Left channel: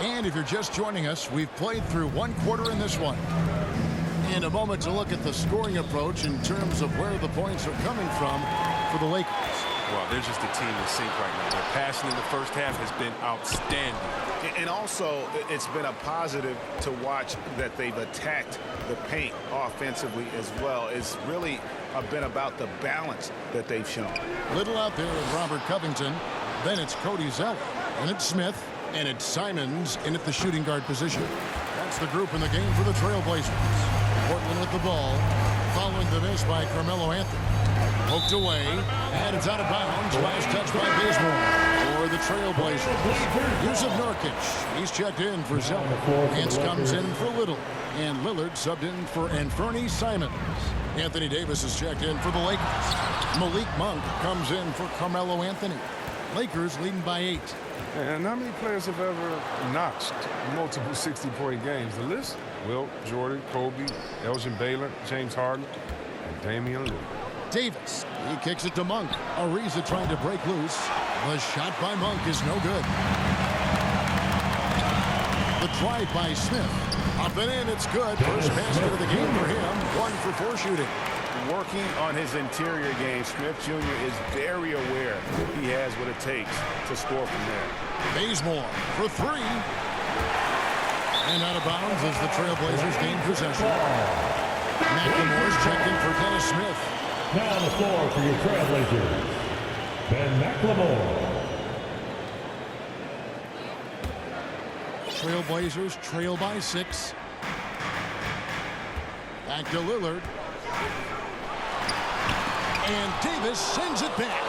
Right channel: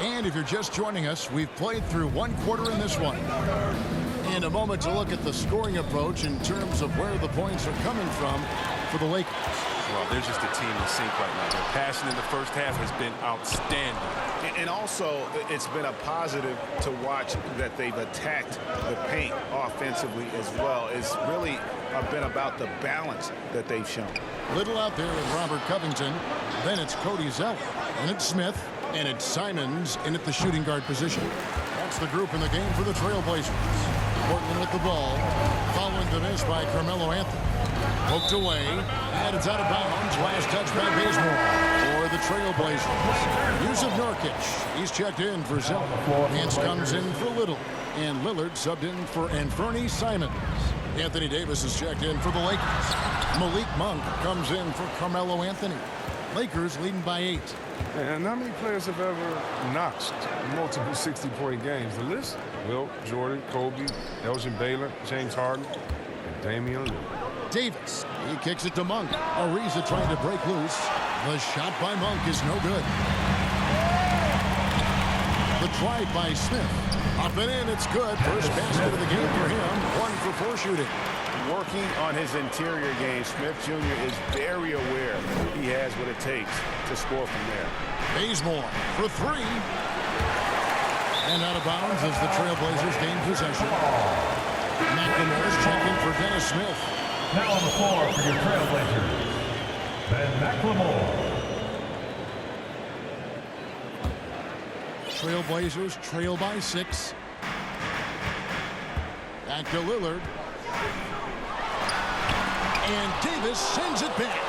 And if you're just joining us, we've played through one quarter in this one. In a moment to look at the scoring approach in terms of where the points are coming from for the Lakers. Well, they're just a team in sync right now. Their passing in the first half has been outstanding. And also, it's been a positive to watch that they've attacked the paint offensively as well. It's really been about the balance that they've shown. Little out there with Robert Covington. Then it's Cody Zeller. And it's Smith. And it's Simons in at the shooting guard position. That's the group in the game for the Trailblazers. Portland with the ball. Following the miss by Carmelo Anthony. Poked away, and it's out of bounds. Last touch by Bazemore for the Trailblazers. Yusuf Nurkic, he's checked in for Zeller. Nance comes in for Little, and Lillard subbed in for Anthony Simons. Anthony Davis is checked in for the Lakers. Malik Monk comes in for Carmelo Anthony. Lakers leading by 8. And how many players have ever notched multiple 60-point games? The list? Wilt, Jordan, Kobe, Elgin Baylor, James Harden, and Damian Lillard. Davis, he kicks it to Monk. Ariza trying to break loose. The shot by Monk is no good. The drive by Smith. Up and in, it's good. First basket of the game for him. 1 for 4 shooting. Working on his interior game, Smith Jr. is very aware he has what it takes to score from there. Bazemore for 3. And out of bounds as the Trailblazers gain possession. McLemore's checked in for Dennis Smith. Now on the floor for your Trailblazers, Ben McLemore. Trailblazers trail by 6. Back to Lillard. And Davis sends it back.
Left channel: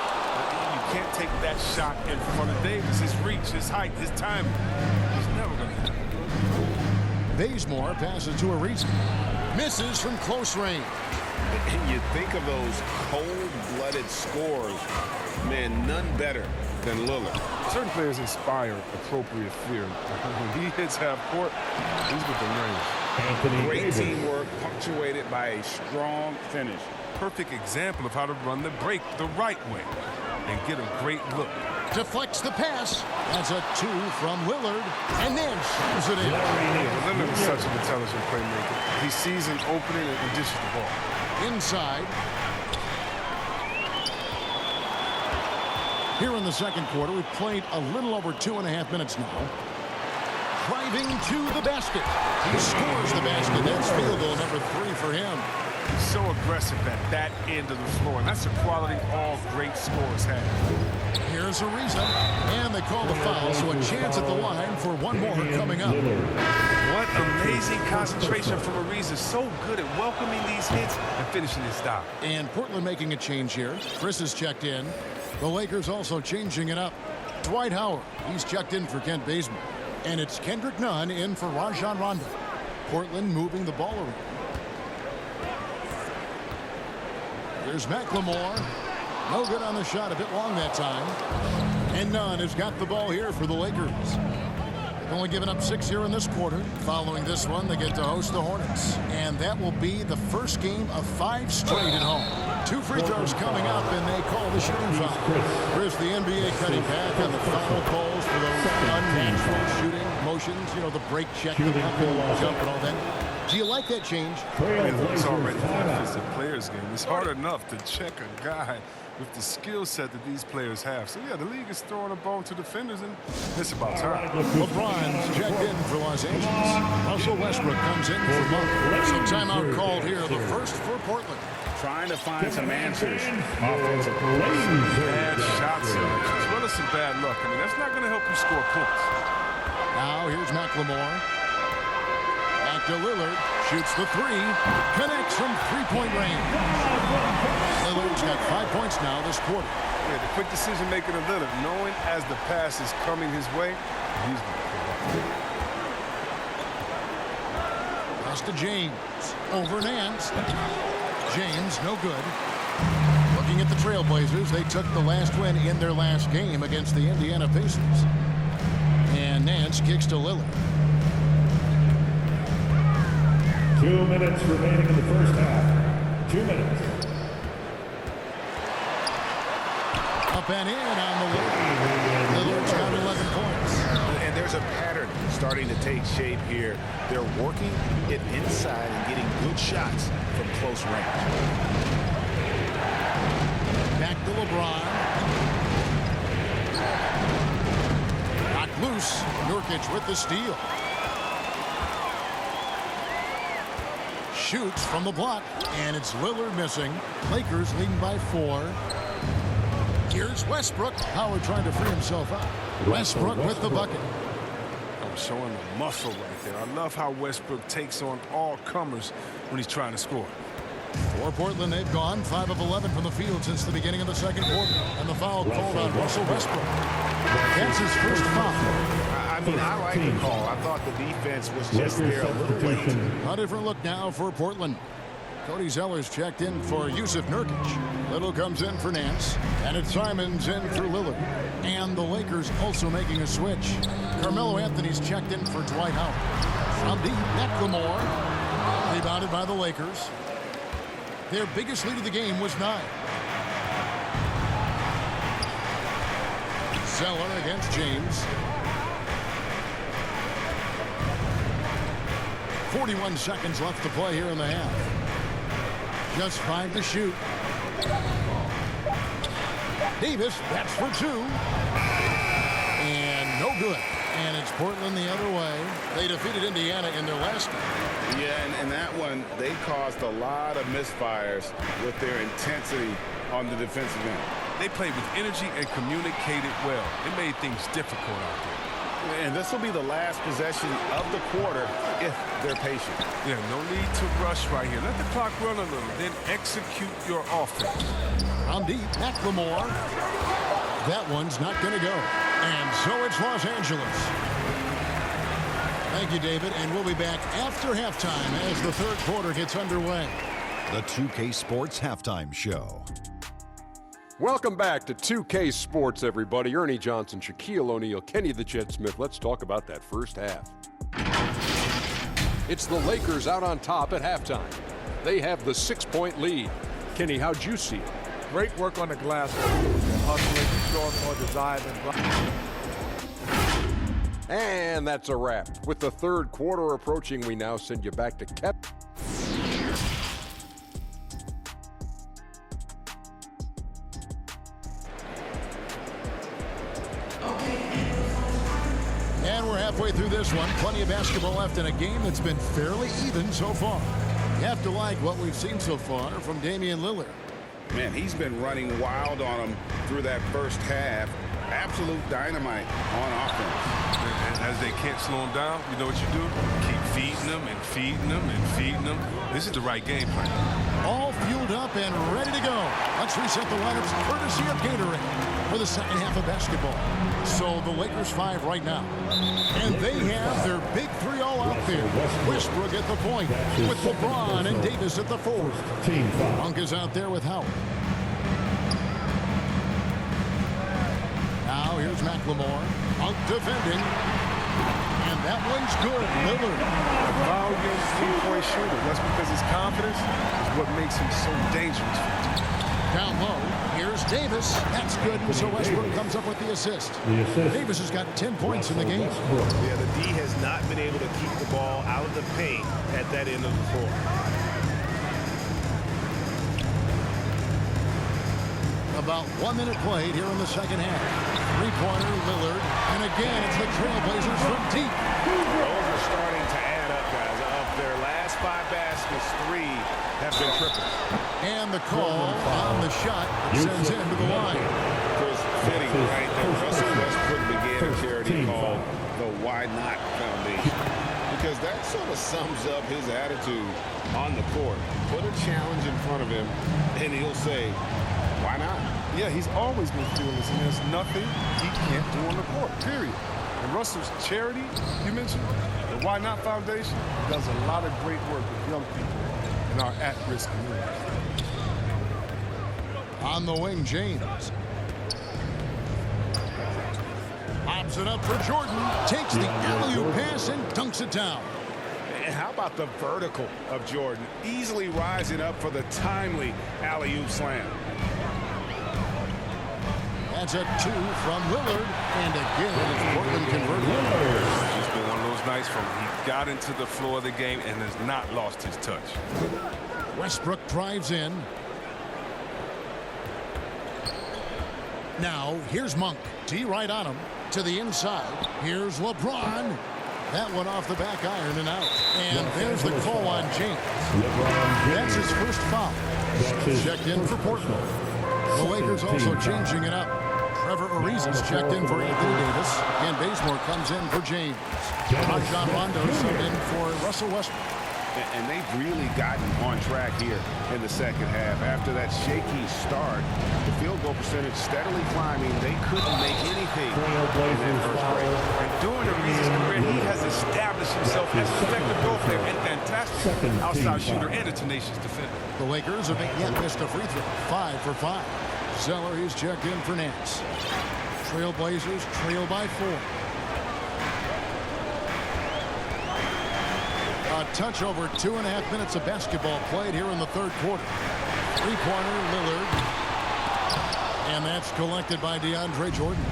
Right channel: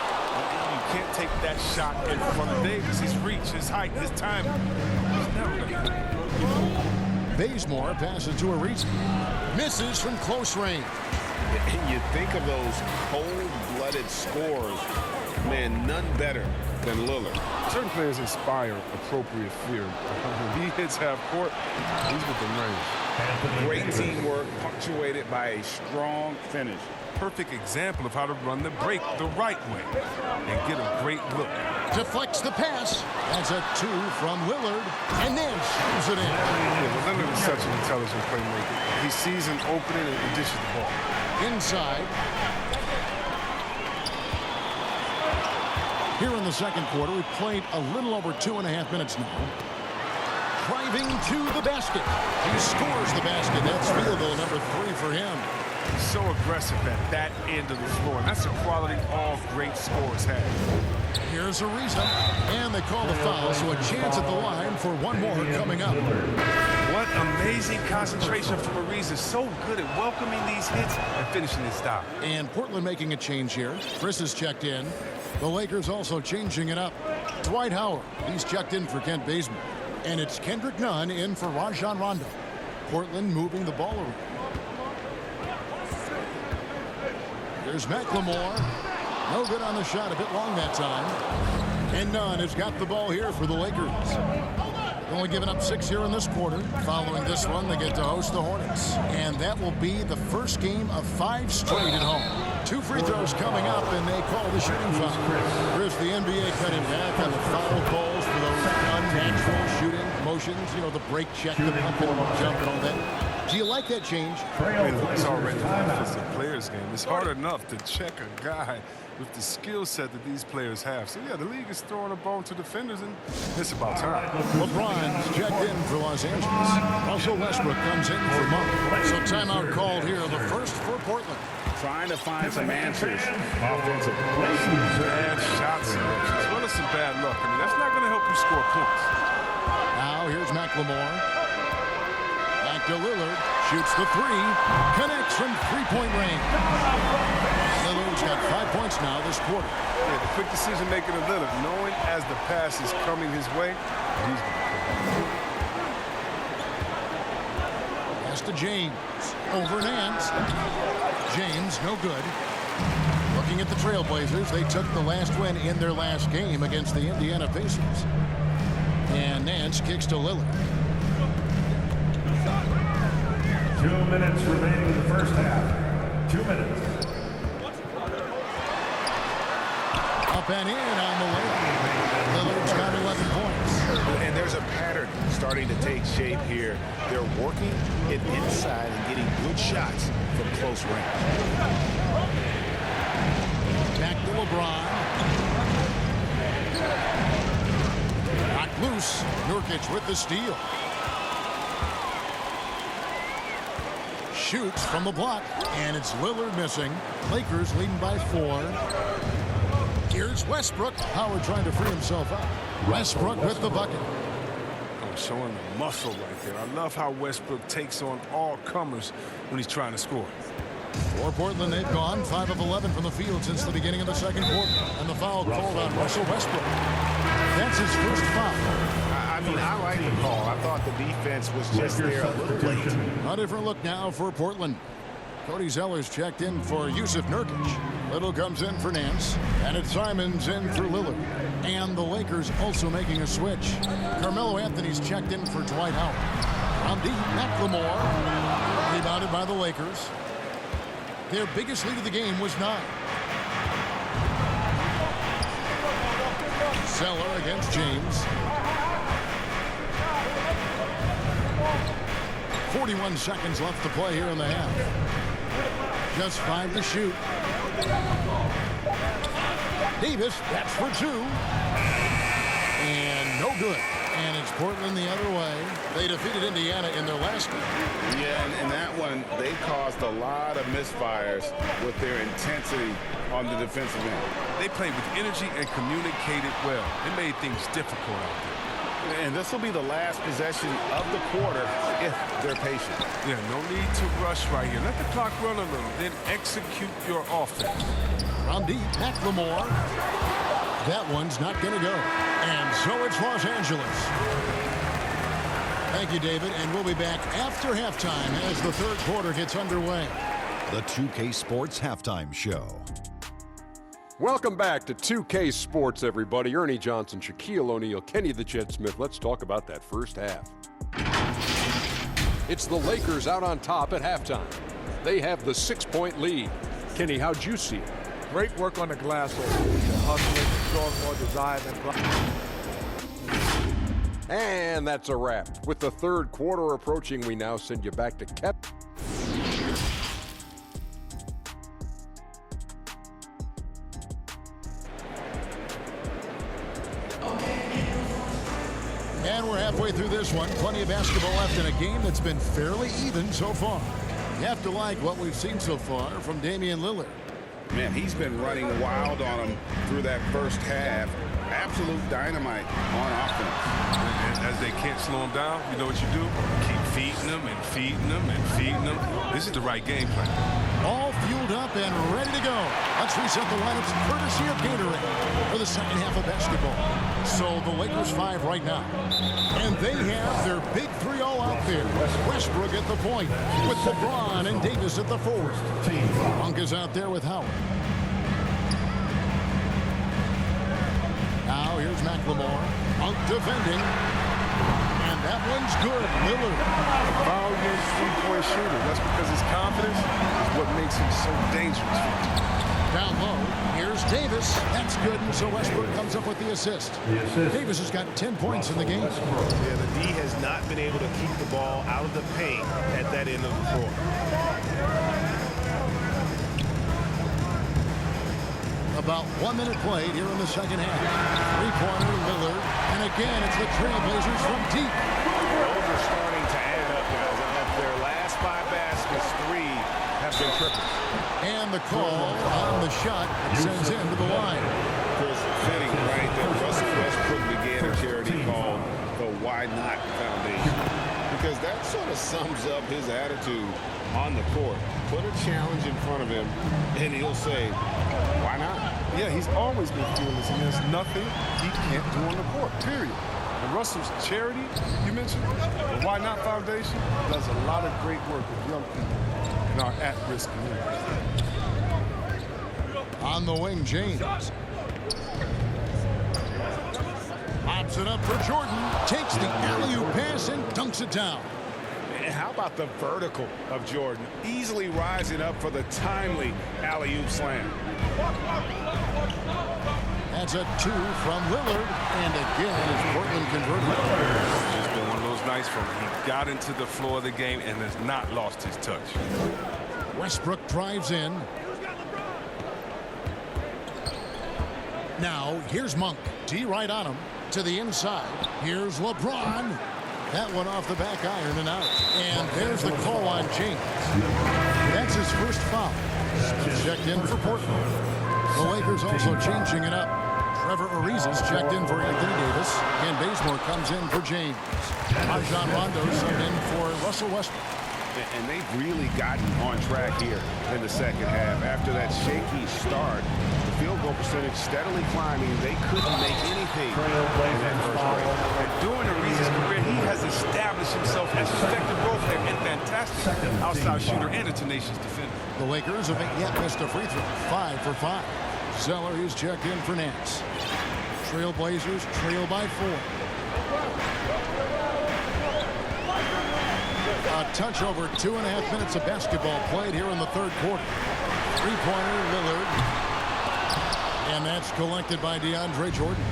You can't take that shot in front of Davis. His reach, his height, his timing. He's never going to happen. Bazemore passes to Ariza. Misses from close range. And you think of those cold-blooded scores, man, none better than Lillard. Certain players inspire appropriate fear. When he hits half court, he's within range. Great teamwork punctuated by a strong finish. Perfect example of how to run the break the right way and get a great look. Deflects the pass. That's a 2 from Lillard. And then shoots it in. Yeah, but Lillard is such an intelligent playmaker. He sees an opening and dishes the ball. Inside. Here in the second quarter, we've played a little over 2.5 minutes now. Driving to the basket. He scores the basket. That's field goal number 3 for him. He's so aggressive at that end of the floor, and that's a quality all great scorers have. Here's Ariza, and they call the foul, so a chance at the line for one more coming up. What amazing concentration from Ariza. So good at welcoming these hits and finishing his stop. And Portland making a change here. Chris is checked in. The Lakers also changing it up. Dwight Howard, he's checked in for Kent Bazemore. And it's Kendrick Nunn in for Rajon Rondo. Portland moving the ball around. Here's McLemore. No good on the shot, a bit long that time. And Nunn has got the ball here for the Lakers. They've only given up 6 here in this quarter. Following this one, they get to host the Hornets. And that will be the first game of 5 straight at home. 2 free throws coming up, and they call the shooting foul. Chris, the NBA cutting back on the foul calls for those unnatural shooting motions. You know, the break check, the pump and jump and all that. Do you like that change? I mean, it's already an offensive players game. It's hard enough to check a guy with the skill set that these players have. So, yeah, the league is throwing a bone to defenders, and it's about time. LeBron's checked in for Los Angeles. Russell Westbrook comes in for Monk. So timeout called here, the first for Portland. Trying to find some answers offensively. Bad shot selection, as well as some bad luck. I mean, that's not going to help you score points. Now here's McLemore. Back to Lillard. Shoots the 3. Connects from 3-point range. Lillard's got 5 points now this quarter. Yeah, the quick decision-making of Lillard, knowing as the pass is coming his way, he's going to pull up. Pass to James. Over Nance. James, no good. Looking at the Trailblazers, they took the last win in their last game against the Indiana Pacers. And Nance kicks to Lillard. 2 minutes remaining in the first half. 2 minutes. Up and in on the way. Lillard's got 11 points. there's a pattern starting to take shape here. They're working it inside and getting good shots from close range. Back to LeBron. Knocked loose. Nurkic with the steal. Shoots from the block, and it's Lillard missing. Lakers leading by 4. Here's Westbrook. Howard trying to free himself up. Westbrook with the bucket. Oh, showing the muscle right there. I love how Westbrook takes on all comers when he's trying to score. For Portland, they've gone 5 of 11 from the field since the beginning of the second quarter. And the foul called on Russell Westbrook. That's his first foul. I mean, I like the call. I thought the defense was just there a little late. A different look now for Portland. Cody Zeller's checked in for Yusuf Nurkic. Little comes in for Nance. And it's Simons in for Lillard. And the Lakers also making a switch. Carmelo Anthony's checked in for Dwight Howard. From deep, McLemore. Rebounded by the Lakers. Their biggest lead of the game was 9. Zeller against James. 41 seconds left to play here in the half. Just 5 to shoot. Davis, that's for 2. And no good. And it's Portland the other way. They defeated Indiana in their last game. Yeah, and in that one, they caused a lot of misfires with their intensity on the defensive end. They played with energy and communicated well. It made things difficult out there. And this will be the last possession of the quarter if they're patient. Yeah, no need to rush right here. Let the clock run a little, then execute your offense. From deep, McLemore. That one's not going to go. And so it's Los Angeles. Thank you, David. And we'll be back after halftime as the third quarter gets underway. The 2K Sports Halftime Show. Welcome back to 2K Sports, everybody. Ernie Johnson, Shaquille O'Neal, Kenny the Jet Smith. Let's talk about that first half. It's the Lakers out on top at halftime. They have the 6-point lead. Kenny, how'd you see it? Great work on the glass. They're hustling and showing more desire than. And that's a wrap. With the third quarter approaching, we now send you back to Kevin. And we're halfway through this one. Plenty of basketball left in a game that's been fairly even so far. You have to like what we've seen so far from Damian Lillard. Man, he's been running wild on them through that first half. Absolute dynamite on offense. And as they can't slow him down, you know what you do? Keep feeding them and feeding them and feeding them. This is the right game plan. All fueled up and ready to go. Let's reset the lineups courtesy of Gatorade for the second half of basketball. So the Lakers 5 right now. And they have their big 3 all out there. Westbrook at the point with LeBron and Davis at the forward. Monk is out there with Howard. Now here's McLemore. Monk defending. And that one's good. Lillard. A volume three-point shooter. That's because his confidence is what makes him so dangerous for the team. Down low, here's Davis. That's good, and so Westbrook comes up with the assist. Davis has got 10 points in the game. Yeah, the D has not been able to keep the ball out of the paint at that end of the floor. About 1 minute played here in the second half. Three-pointer, Lillard. And again, it's the Trailblazers from deep. Those are starting to add up, guys. Of their last 5 baskets, 3 have been triples. And the call on the shot that sends him to the line. Chris, fitting right there. Russell Westbrook began a charity called the Why Not Foundation, because that sort of sums up his attitude on the court. Put a challenge in front of him, and he'll say, why not? Yeah, he's always been fearless, and there's nothing he can't do on the court, period. And Russell's charity, you mentioned, the Why Not Foundation, does a lot of great work with young people in our at-risk communities. On the wing, James. Lobs it up for Jordan. Takes the alley-oop pass and dunks it down. And how about the vertical of Jordan? Easily rising up for the timely alley-oop slam. That's a 2 from Lillard. And again, it's Portland converted. It's just been one of those nights from he got into the floor of the game and has not lost his touch. Westbrook drives in. Now, here's Monk. D right on him. To the inside. Here's LeBron. That one off the back iron and out. And there's the call on James. That's his first foul. Smith checked in for Portland. The Lakers also changing it up. Trevor Ariza's checked in for Anthony Davis. Ken Bazemore comes in for James. Rajon Rondo subbed in for Russell Westbrook. And they've really gotten on track here in the second half. After that shaky start, the field goal percentage steadily climbing. They couldn't make anything in that first break. And during Ariza's career, he has established himself as an effective role player and fantastic outside shooter and a tenacious defender. The Lakers have yet missed a free throw. 5 for 5. Zeller, he's checked in for Nance. Trailblazers trail by 4. A touch over 2.5 minutes of basketball played here in the third quarter. Three-pointer, Lillard. And that's collected by DeAndre Jordan.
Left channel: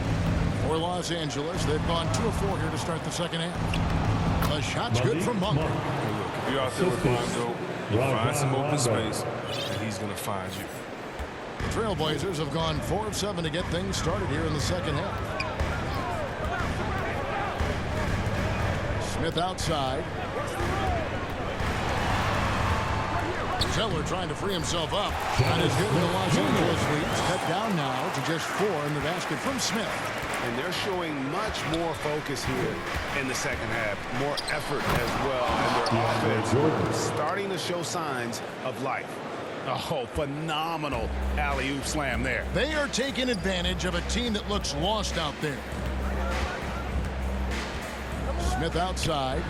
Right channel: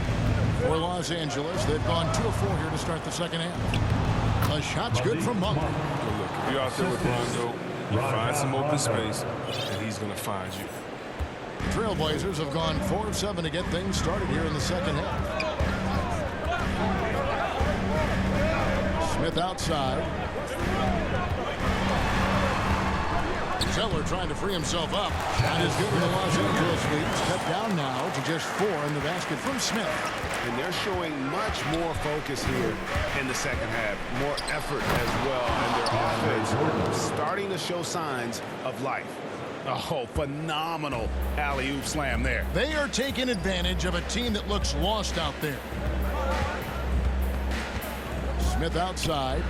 For Los Angeles, they've gone 2 of 4 here to start the second half. The shot's good from Monk. Well, look, if you're out there with Rondo, you find some open space, and he's going to find you. The Trailblazers have gone 4 of 7 to get things started here in the second half. Smith outside. Zeller trying to free himself up. Not as good in the Los Angeles leads. Cut down now to just 4 in the basket from Smith. And they're showing much more focus here in the second half. More effort as well. And their offense starting to show signs of life. Oh, phenomenal alley-oop slam there. They are taking advantage of a team that looks lost out there. Smith outside.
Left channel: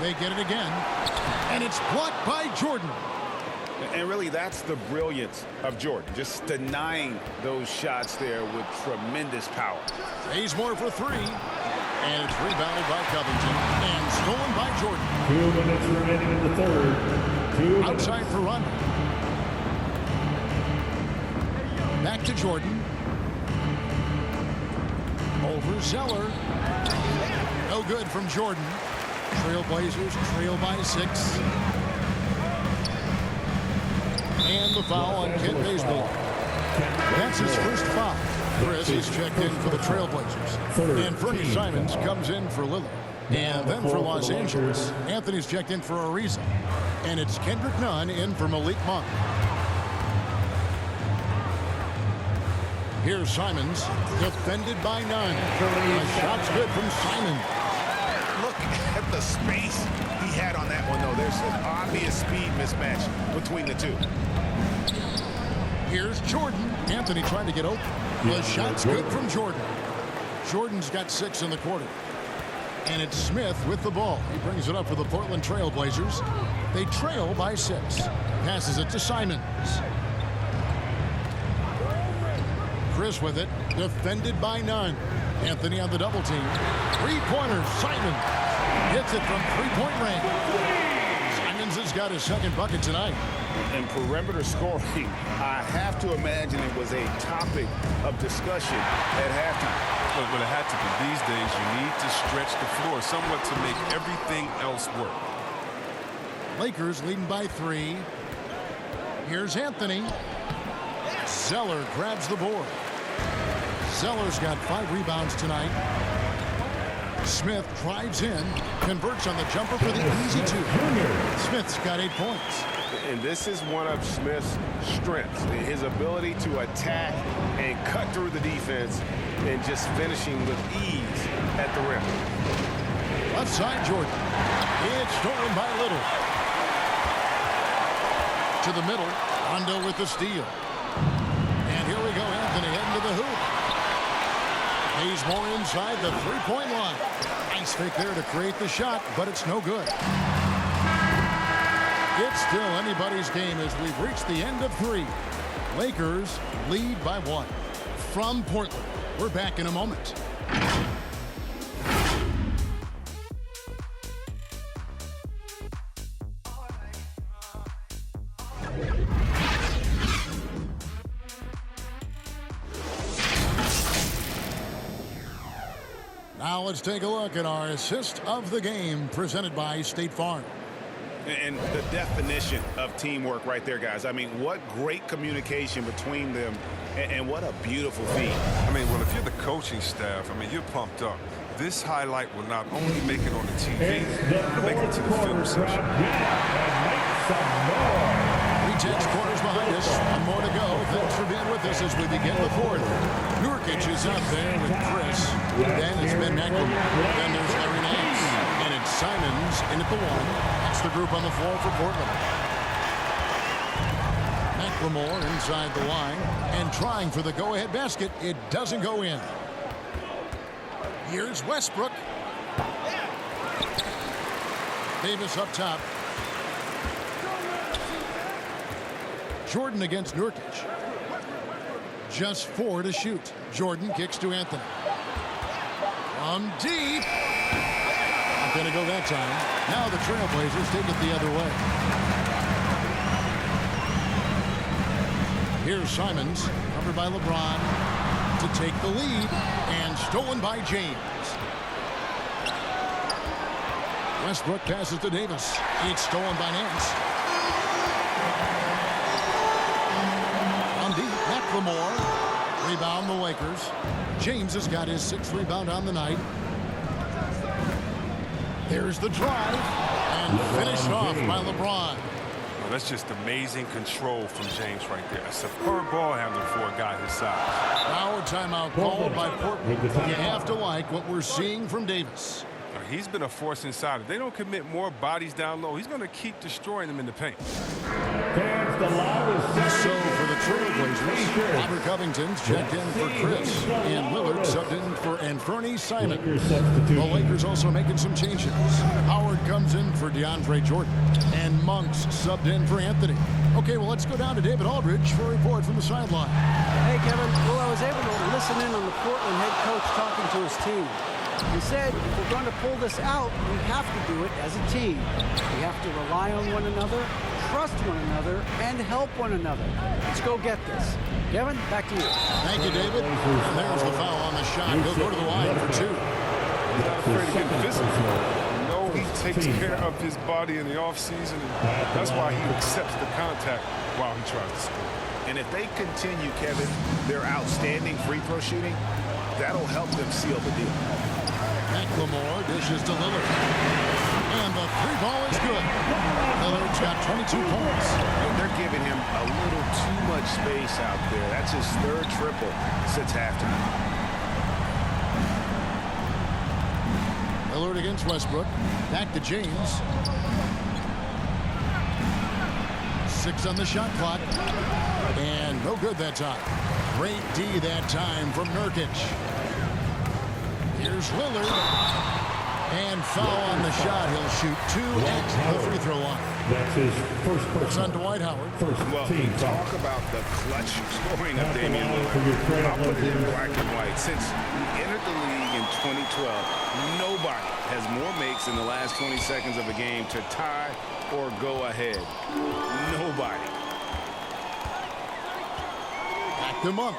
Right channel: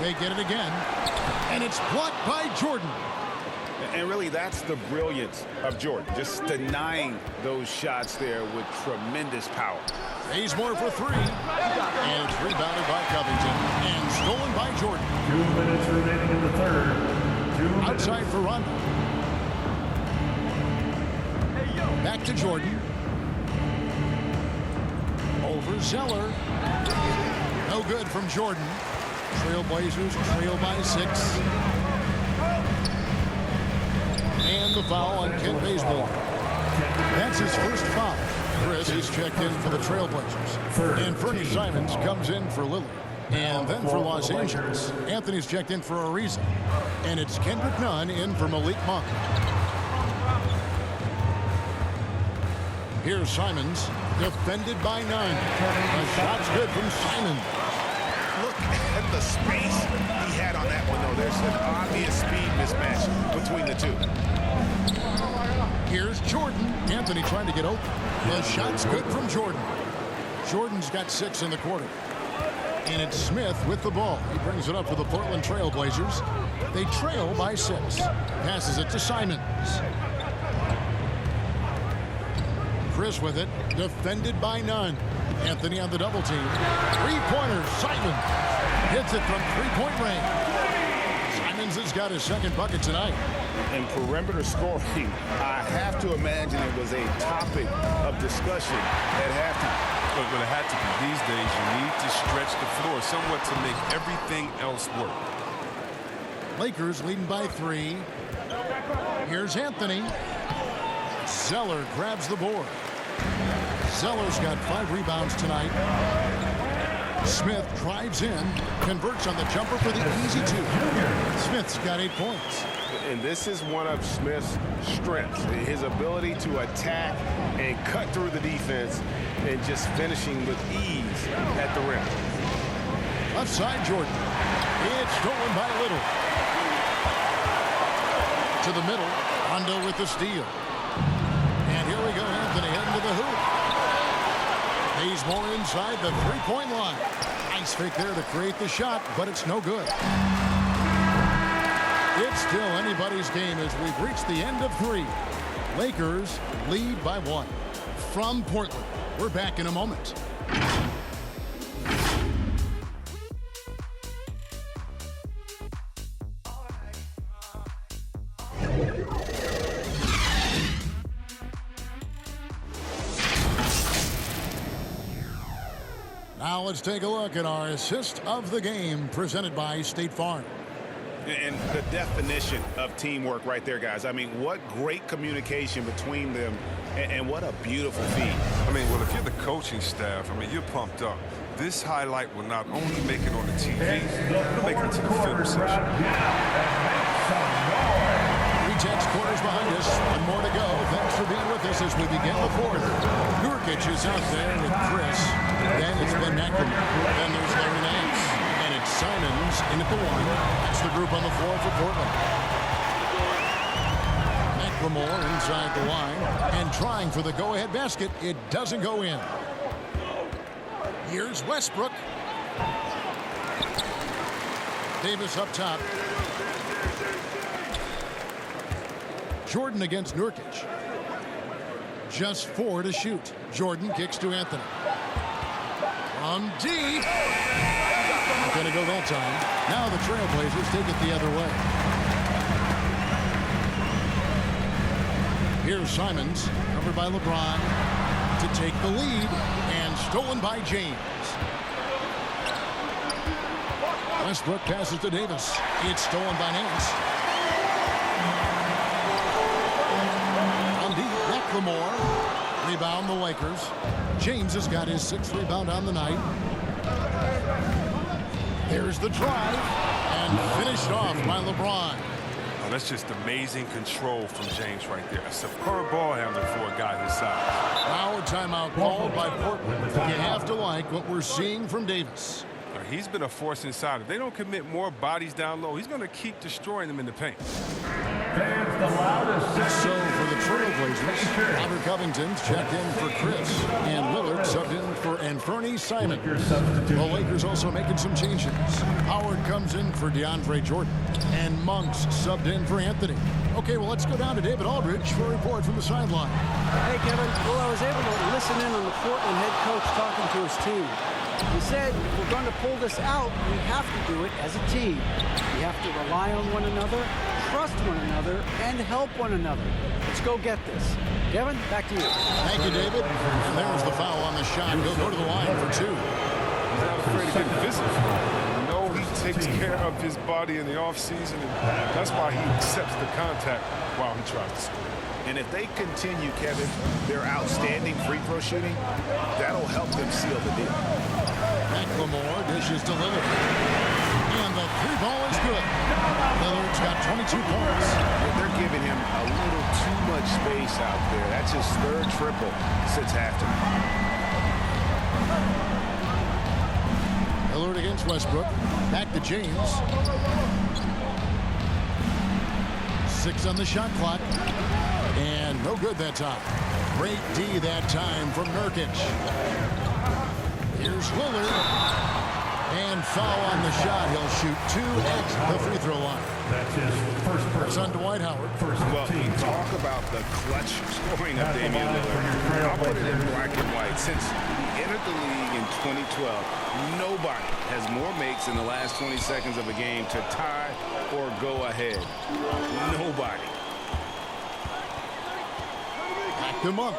They get it again, and it's blocked by Jordan. And really, that's the brilliance of Jordan, just denying those shots there with tremendous power. Bazemore for 3, and it's rebounded by Covington and stolen by Jordan. 2 minutes remaining in the third. 2 minutes. Outside for Rondo. Back to Jordan. Over Zeller. No good from Jordan. Trailblazers trail by 6. And the foul on Kent Bazemore. That's his first foul. Chris is checked in for the Trailblazers. And Fernie Simons comes in for Lillard. And then for Los Angeles, Anthony's checked in for Ariza. And it's Kendrick Nunn in for Malik Monk. Here's Simons, defended by Nunn. A shot's good from Simons. Look at the space he had on that one, though. There's an obvious speed mismatch between the two. Here's Jordan. Anthony trying to get open. The shot's good from Jordan. Jordan's got 6 in the quarter. And it's Smith with the ball. He brings it up for the Portland Trailblazers. They trail by 6. Passes it to Simons. Chris with it. Defended by Nunn. Anthony on the double team. Three-pointer, Simons. Hits it from three-point range. Simons has got his second bucket tonight. And perimeter scoring, I have to imagine it was a topic of discussion at halftime. But it had to be. These days, you need to stretch the floor somewhat to make everything else work. Lakers leading by 3. Here's Anthony. Zeller grabs the board. Zeller's got 5 rebounds tonight. Smith drives in, converts on the jumper for the easy 2. Smith's got 8 points. And this is one of Smith's strengths, his ability to attack and cut through the defense and just finishing with ease at the rim. Left side, Jordan. It's stolen by Little. To the middle, Rondo with the steal. And here we go, Anthony heading to the hoop. Bazemore inside the three-point line. Nice fake there to create the shot, but it's no good. It's still anybody's game as we've reached the end of 3. Lakers lead by 1. From Portland, we're back in a moment. Now let's take a look at our assist of the game presented by State Farm. And the definition of teamwork right there, guys. I mean, what great communication between them, and what a beautiful feat. I mean, well, if you're the coaching staff, I mean, you're pumped up. This highlight will not only make it on the TV, it'll make it to the film session. Tense quarters behind us. One more to go. Thanks for being with us as we begin the fourth. Nurkic is out there with Chris. Then it's Ben McLemore. Then there's Larry Nance. And it's Simons in at the one. That's the group on the floor for Portland. McLemore inside the line and trying for the go-ahead basket. It doesn't go in. Here's Westbrook. Davis up top. Jordan against Nurkic. Just 4 to shoot. Jordan kicks to Anthony. From deep. Not going to go that time. Now the Trailblazers take it the other way. Here's Simons, covered by LeBron, to take the lead, and stolen by James. Westbrook passes to Davis. It's stolen by Nance. McLemore, rebound the Lakers. James has got his 6th rebound on the night. There's the drive, and finished off by LeBron. Oh, that's just amazing control from James right there. A superb ball handler for a guy his size. Now a timeout called by Portland. You have to like what we're seeing from Davis. He's been a force inside. If they don't commit more bodies down low, he's going to keep destroying them in the paint. So for the Trailblazers, Robert Covington's checked in for Chris, and Lillard subbed in for Anthony Simon. The Lakers also making some changes. Howard comes in for DeAndre Jordan, and Monk's subbed in for Anthony. Okay, well, let's go down to David Aldridge for a report from the sideline. Hey, Kevin. Well, I was able to listen in on the Portland head coach talking to his team. He said, if we're going to pull this out, we have to do it as a team. We have to rely on one another, trust one another, and help one another. Let's go get this. Kevin, back to you. Thank you, David. And there's the foul on the shot. He'll go to the line for 2. He's not afraid of getting physical. You know he takes care of his body in the offseason, and that's why he accepts the contact while he tries to score. And if they continue, Kevin, their outstanding free throw shooting, that'll help them seal the deal. McLemore dishes to Lillard. And the 3-ball is good. Lillard's got 22 points. They're giving him a little too much space out there. That's his 3rd triple since halftime. Lillard against Westbrook. Back to James. 6 on the shot clock. And no good that time. Great D that time from Nurkic. Here's Lillard. And foul on the shot. He'll shoot 2 at the free throw line. That's his first person. It's on Dwight Howard. Well, you talk about the clutch scoring of Damian Lillard. I'll put it in black and white. Since he entered the league in 2012, nobody has more makes in the last 20 seconds of a game to tie or go ahead. Nobody. Back to Monk.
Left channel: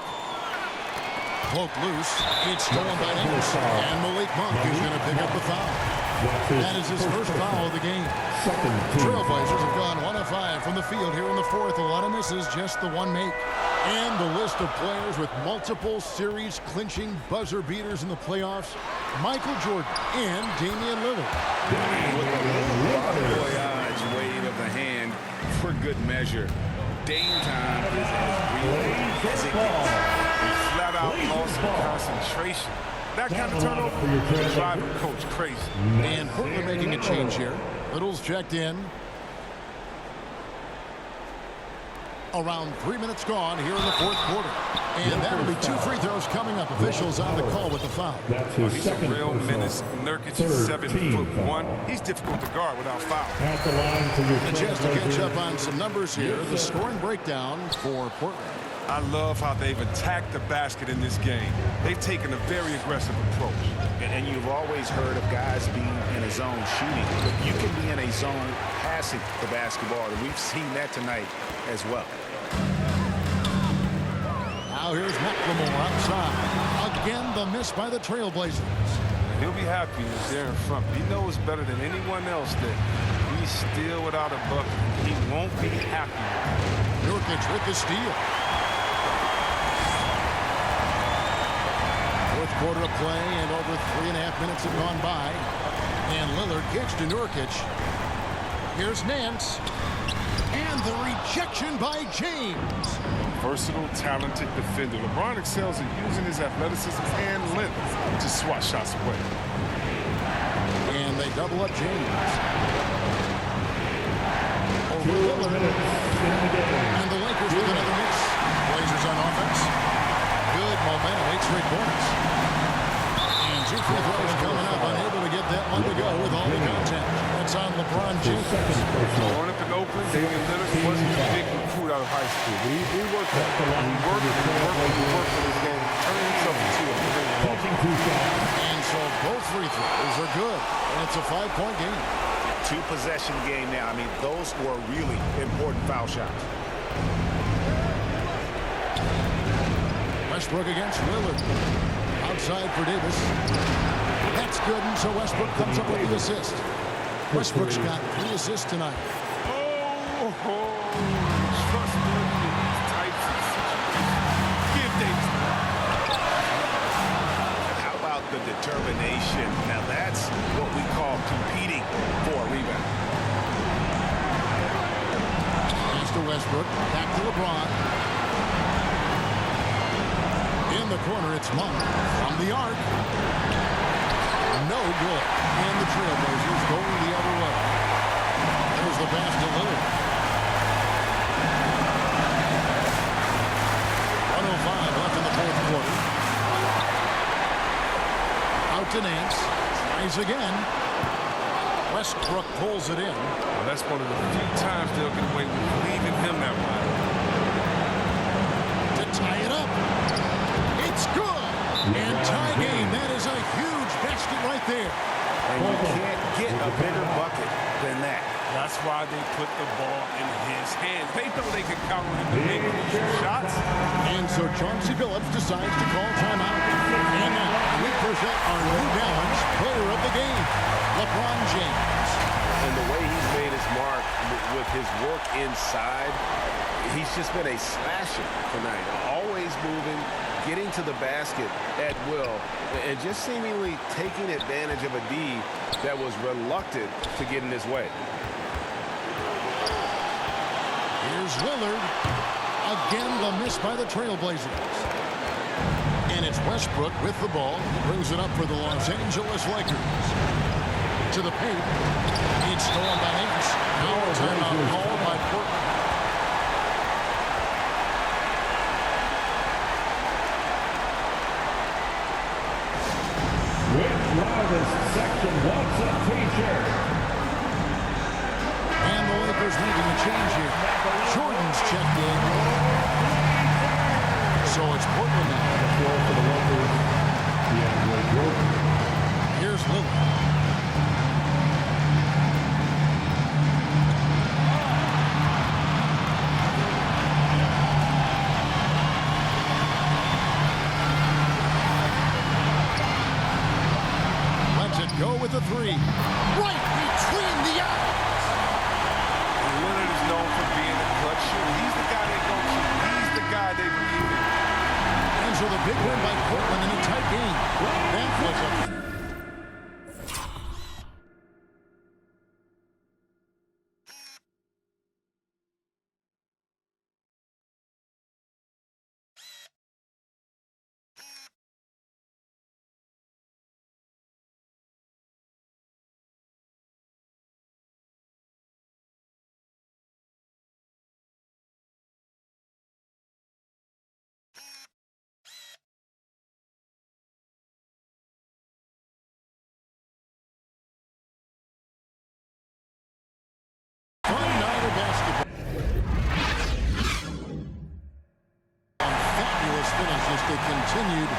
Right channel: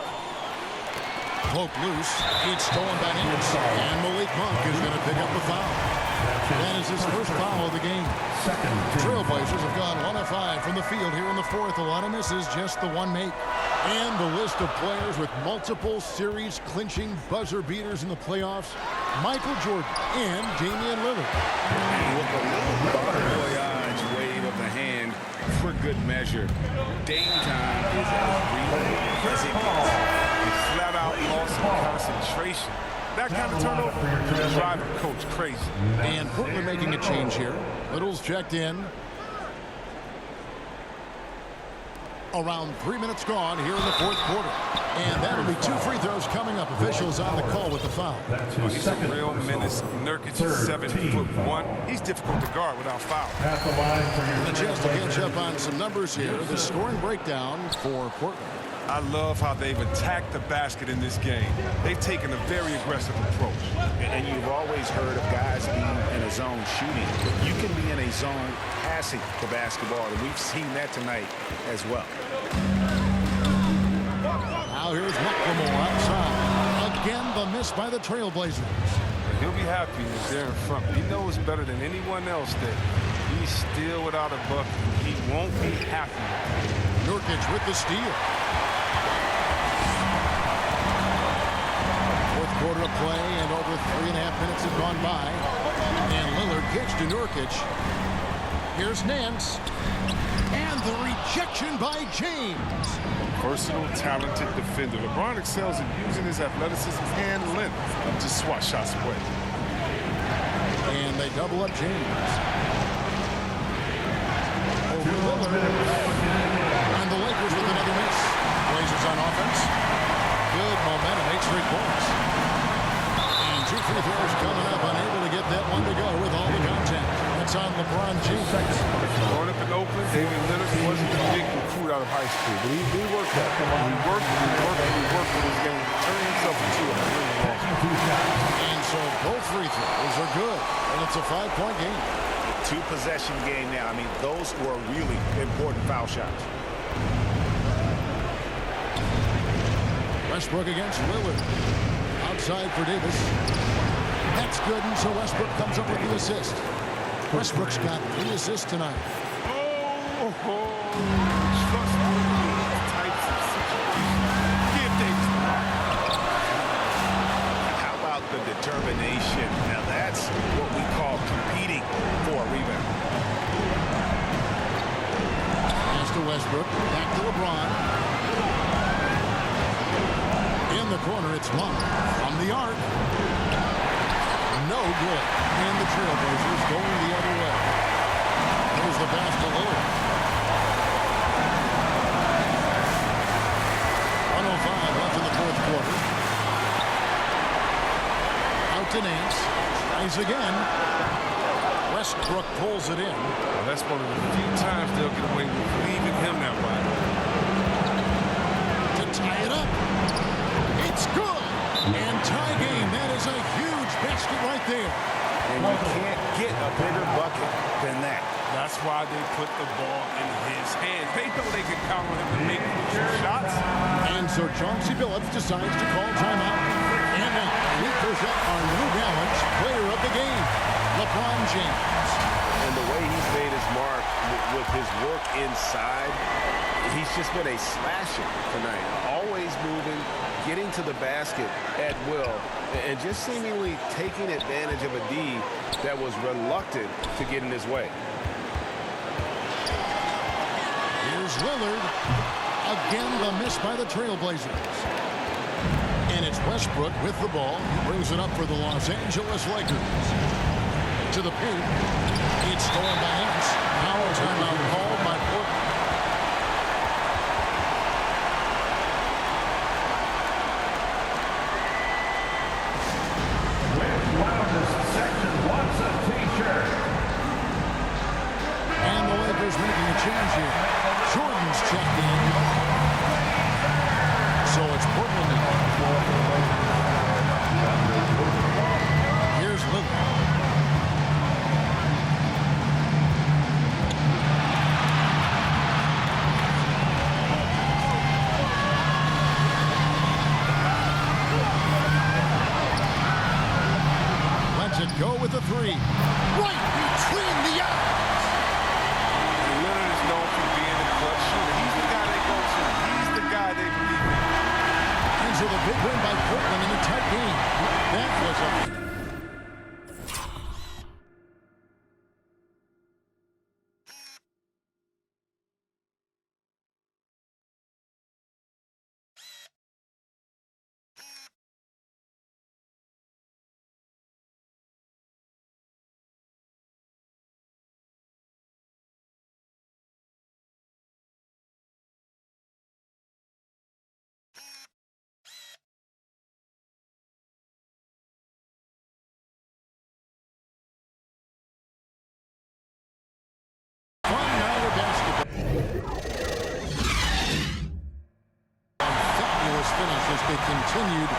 Cloak loose. It's stolen by Nance. And Malik Monk is going to pick up the foul. That is his first foul of the game. Trailblazers have gone 1 of 5 from the field here in the 4th. A lot of misses, just the 1 make. And the list of players with multiple series clinching buzzer beaters in the playoffs: Michael Jordan and Damian Lillard. And with a little bon voyage wave of the hand for good measure, Dame time is as real as it gets. And flat out loss of concentration. That kind of turnover is driving coach crazy. And Portland making a change here. Little's checked in. Around 3 minutes gone here in the 4th quarter. And that'll be 2 free throws coming up. Officials on the call with the foul. He's a real menace. Nurkic is 7'1". He's difficult to guard without foul. At the line for your A chance to catch up on some numbers here. The scoring breakdown for Portland. I love how they've attacked the basket in this game. They've taken a very aggressive approach. And you've always heard of guys being in a zone shooting, but you can be in a zone passing the basketball, and we've seen that tonight as well. Now here's McLemore outside. Again, the miss by the Trailblazers. He'll be happy if they're in front. He knows better than anyone else that he's still without a bucket. He won't be happy. Nurkic with the steal. Fourth quarter of play, and over 3.5 minutes have gone by. And Lillard gets to Nurkic. Here's Nance. And the rejection by James. A versatile, talented defender. LeBron excels in using his athleticism and length to swat shots away. And they double up James. Over Lillard. And the Lakers with another miss. Blazers on offense. Good momentum, 8 straight points. And 2 free throws coming up, unable to get that one to go with all the contact. That's on LeBron James. Growing up in Oakland, Damian Lillard wasn't a big recruit out of high school, but he worked that. He worked with his game, turning himself into a ring loss. And so both free throws are good, and it's a 5-point game. 2-possession game now. I mean, those were really important foul shots. Westbrook against Lillard. Outside for Davis. That's good, and so Westbrook comes up with the assist. Westbrook's got 3 assists tonight. Trust me in these types of situations. Give Davis the rock. How about the determination? Now that's what we call competing for a rebound. Pass to Westbrook. Back to LeBron. In the corner, it's Monk from the arc. No good. And the Trailblazers going the other way. There's the pass to Lillard. 1:05 left in the fourth quarter. Out to Nance. Tries again. Westbrook pulls it in. Well, that's one of the few times they'll get away with leaving him that wide open. To tie it up. It's good. And tie game. That is a huge basket right there. And you can't get a bigger bucket than that. That's why they put the ball in his hand. They know they can count on him to make crucial shots. And so Chauncey Billups decides to call timeout. And now we present our New Balance player of the game, LeBron James. And the way he's made his mark with his work inside, he's just been a slasher tonight. Always moving, getting to the basket at will, and just seemingly taking advantage of a D that was reluctant to get in his way. Here's Lillard. Again, the miss by the Trailblazers. And it's Westbrook with the ball. He brings it up for the Los Angeles Lakers. To the paint. It's stolen by Nance. Now a timeout called by Portland. Which loudest section wants a t-shirt? And the Lakers making a change here. Jordan's checked in. So it's Portland now. Here's Lillard. Lets it go with a 3. Right between the eyes. Lillard is known for being a clutch shooter. He's the guy they go to. He's the guy they believe in. And so the big win by Portland in a tight game. That was a fun night of basketball. On fabulous finishes, they continued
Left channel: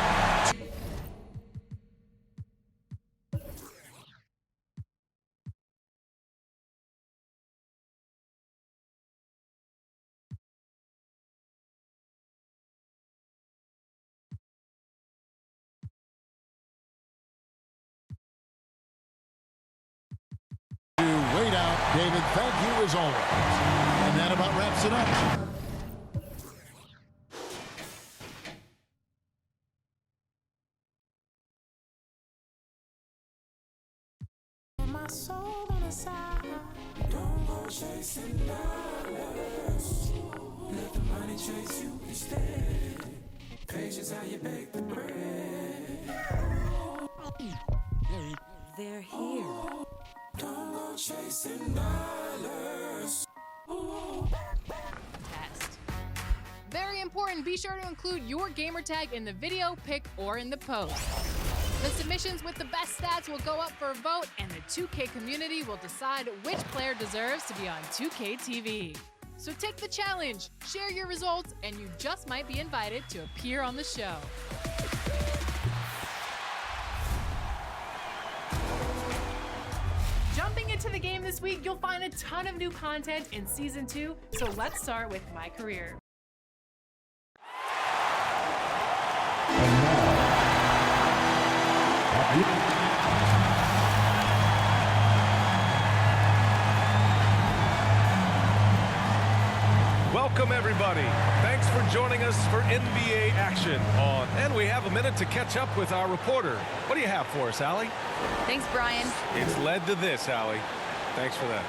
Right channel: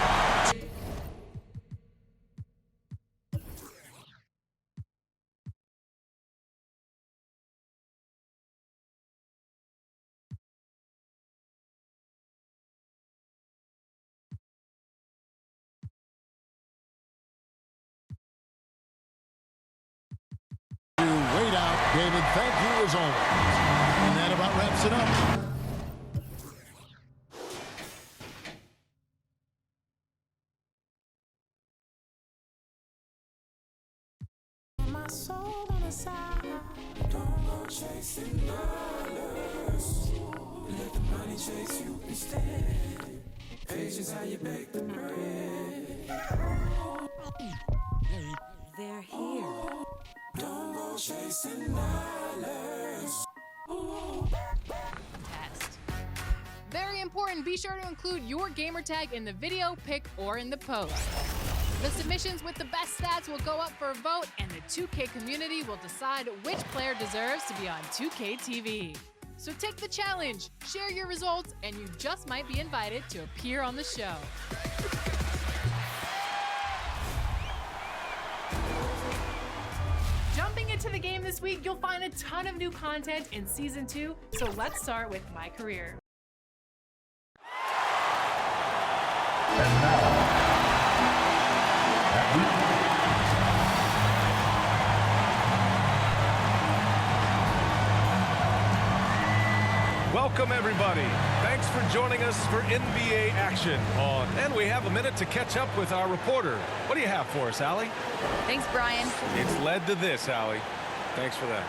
lead out. David, thank you as always. And that about wraps it up. My soul on the side, don't go chasing dollars. Let the money chase you instead. Patience how you bake the bread. They're here. Don't go chasing dollars. Test. Very important, be sure to include your gamer tag in the video, pic, or in the post. The submissions with the best stats will go up for a vote, and the 2K community will decide which player deserves to be on 2K TV. So take the challenge, share your results, and you just might be invited to appear on the show. Jumping into the game this week, you'll find a ton of new content in Season 2, so let's start with My Career. And now, welcome, everybody. Thanks for joining us for NBA action on. And we have a minute to catch up with our reporter. What do you have for us, Allie? Thanks, Brian. It's led to this, Allie. Thanks for that.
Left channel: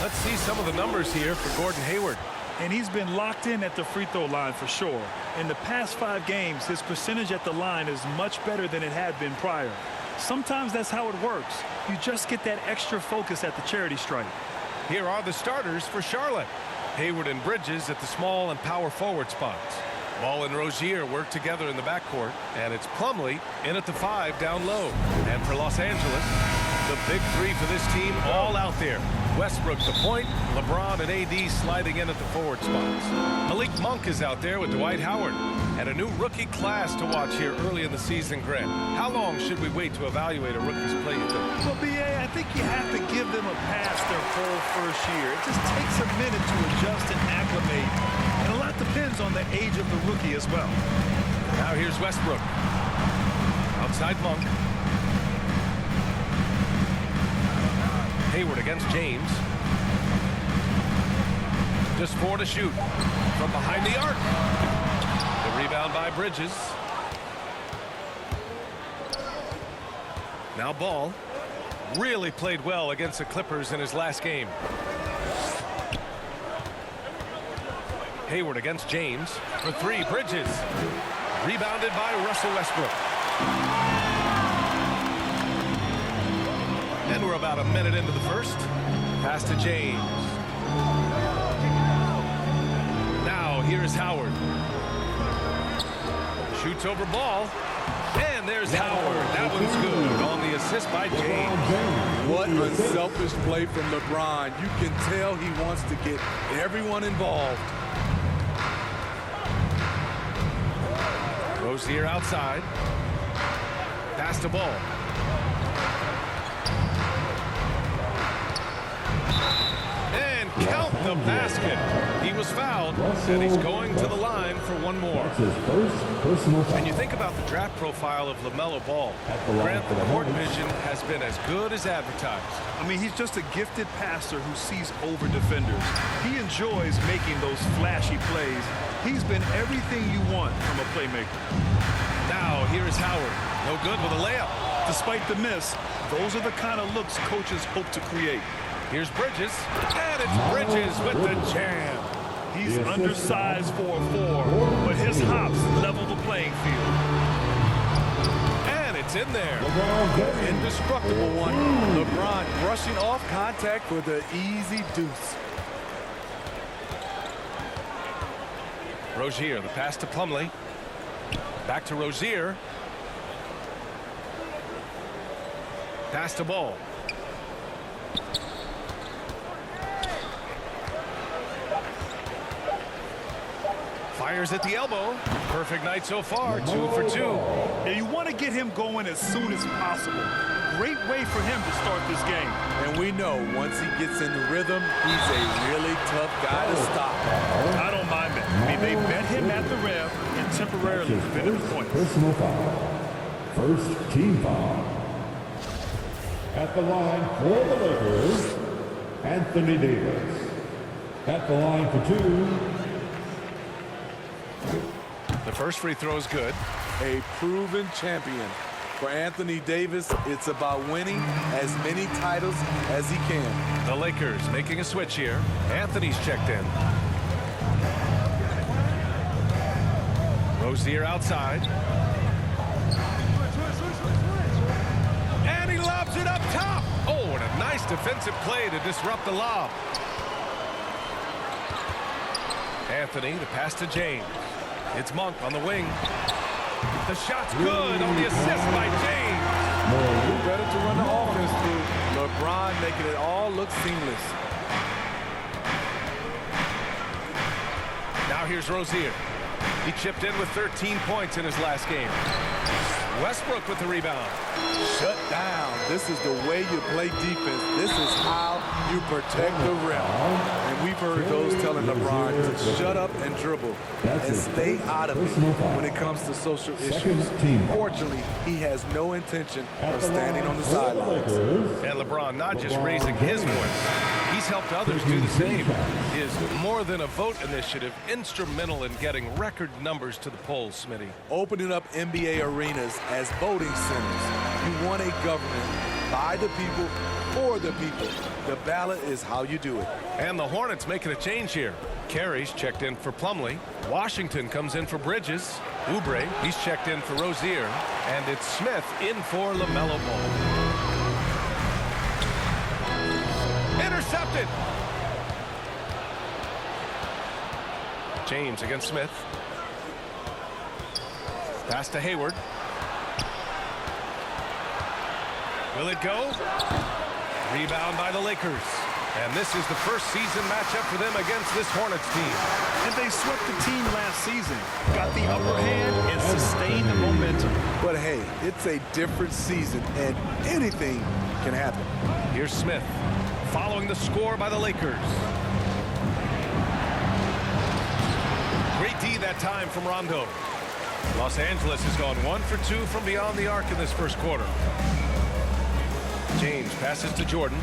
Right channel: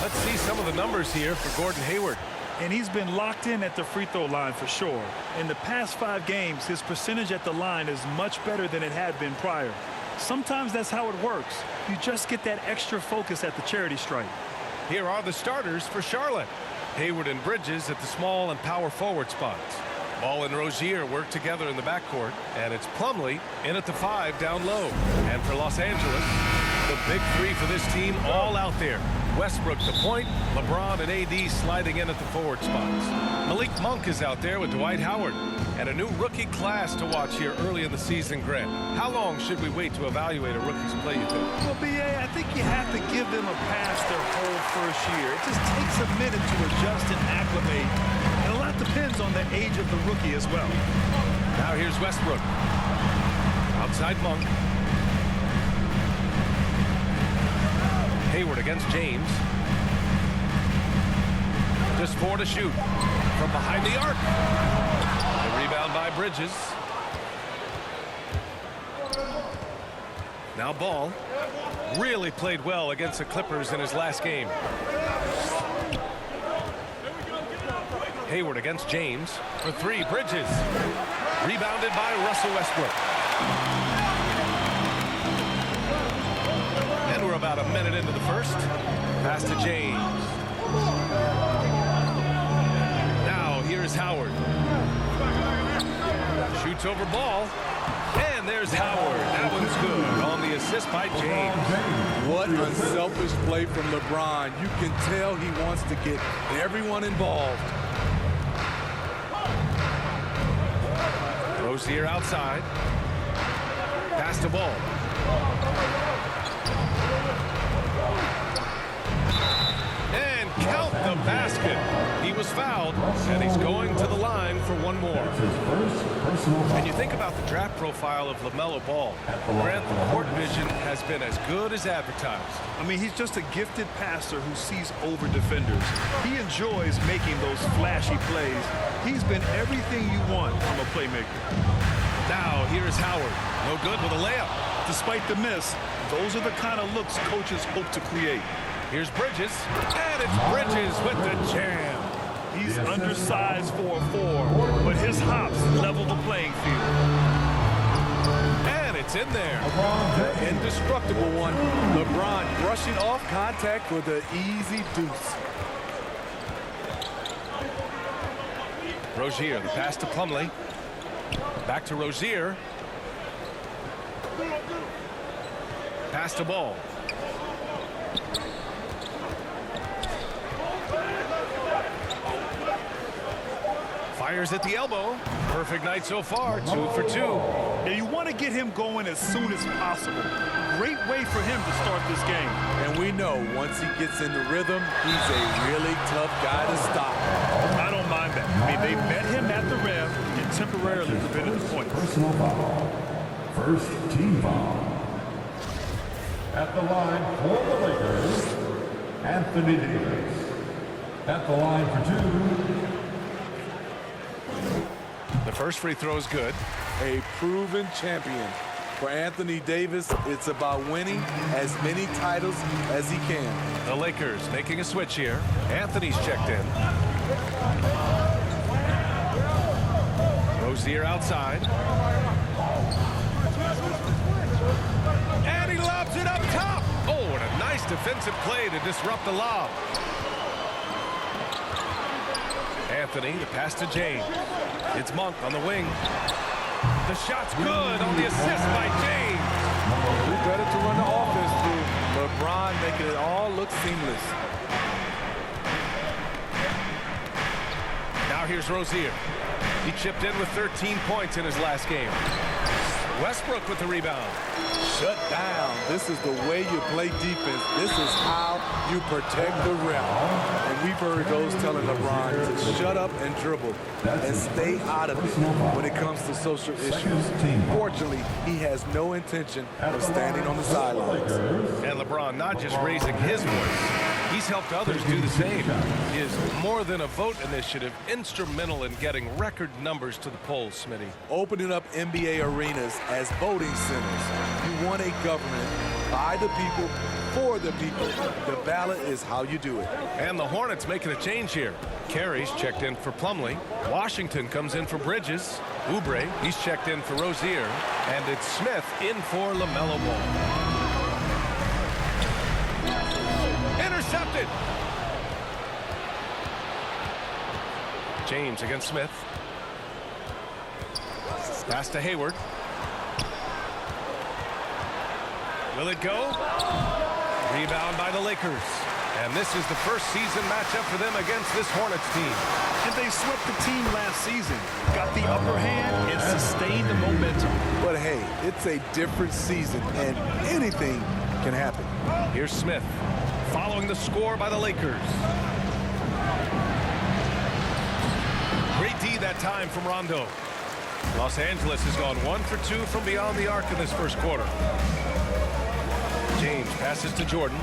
Let's see some of the numbers here for Gordon Hayward. And he's been locked in at the free throw line for sure. In the past 5 games, his percentage at the line is much better than it had been prior. Sometimes that's how it works. You just get that extra focus at the charity stripe. Here are the starters for Charlotte. Hayward and Bridges at the small and power forward spots. Ball and Rozier work together in the backcourt, and it's Plumlee in at the 5 down low. And for Los Angeles, the big 3 for this team all out there. Westbrook the point, LeBron and AD sliding in at the forward spots. Malik Monk is out there with Dwight Howard. And a new rookie class to watch here early in the season, Grant. How long should we wait to evaluate a rookie's play, you think? Well, BA, I think you have to give them a pass their whole first year. It just takes a minute to adjust and acclimate. And a lot depends on the age of the rookie as well. Now here's Westbrook. Outside Monk. Hayward against James. Just 4 to shoot. From behind the arc. The rebound by Bridges. Now Ball. Really played well against the Clippers in his last game. Hayward against James. For 3, Bridges. Rebounded by Russell Westbrook. And we're about a minute into the first. Pass to James. Now here's Howard. Shoots over Ball. And there's Howard. That one's good on the assist by James. What unselfish play from LeBron. You can tell he wants to get everyone involved. Rozier outside. Pass to Ball. And count the basket. He was fouled, and he's going to the line for one more. his first personal foul. And you think about the draft profile of LaMelo Ball. Grant, the court vision has been as good as advertised. I mean, he's just a gifted passer who sees over defenders. He enjoys making those flashy plays. He's been everything you want from a playmaker. Now here's Howard. No good with a layup. Despite the miss, those are the kind of looks coaches hope to create. Here's Bridges, and it's Bridges with the jam. He's undersized for a 4, but his hops level the playing field. And it's in there. The indestructible one. LeBron brushing off contact for the easy deuce. Rozier, the pass to Plumlee. Back to Rozier. Pass to Ball. Fires at the elbow. Perfect night so far. 2 for 2. Yeah, you want to get him going as soon as possible. Great way for him to start this game. And we know once he gets in the rhythm, he's a really tough guy to stop. I don't mind that. I mean, they met him at the rim and temporarily prevented the points. Personal foul. First team foul. At the line for the Lakers, Anthony Davis. At the line for 2. The first free throw is good. A proven champion. For Anthony Davis, it's about winning as many titles as he can. The Lakers making a switch here. Anthony's checked in. Rozier outside. And he lobs it up top. Oh, and a nice defensive play to disrupt the lob. Anthony, the pass to James. It's Monk on the wing. The shot's good on the assist by James. Who better to run the offense through? LeBron making it all look seamless. Now here's Rozier. He chipped in with 13 points in his last game. Westbrook with the rebound. Shut down. This is the way you play defense. This is how you protect the rim. And we've heard those telling LeBron to shut up and dribble and stay out of it when it comes to social issues. Fortunately, he has no intention of standing on the sidelines. And LeBron not just raising his voice, he's helped others do the same. His More Than a Vote initiative instrumental in getting record numbers to the polls, Smitty. Opening up NBA arenas as voting centers. You want a government by the people, for the people. The ballot is how you do it. And the Hornets making a change here. Carey's checked in for Plumlee. Washington comes in for Bridges. Oubre, he's checked in for Rozier. And it's Smith in for LaMelo Ball. Intercepted. James against Smith. Pass to Hayward. Will it go? Rebound by the Lakers. And this is the first season matchup for them against this Hornets team. And they swept the team last season, got the upper hand, and sustained the momentum. But hey, it's a different season, and anything can happen. Here's Smith, following the score by the Lakers. Great D that time from Rondo. Los Angeles has gone 1 for 2 from beyond the arc in this first quarter. James passes to Jordan.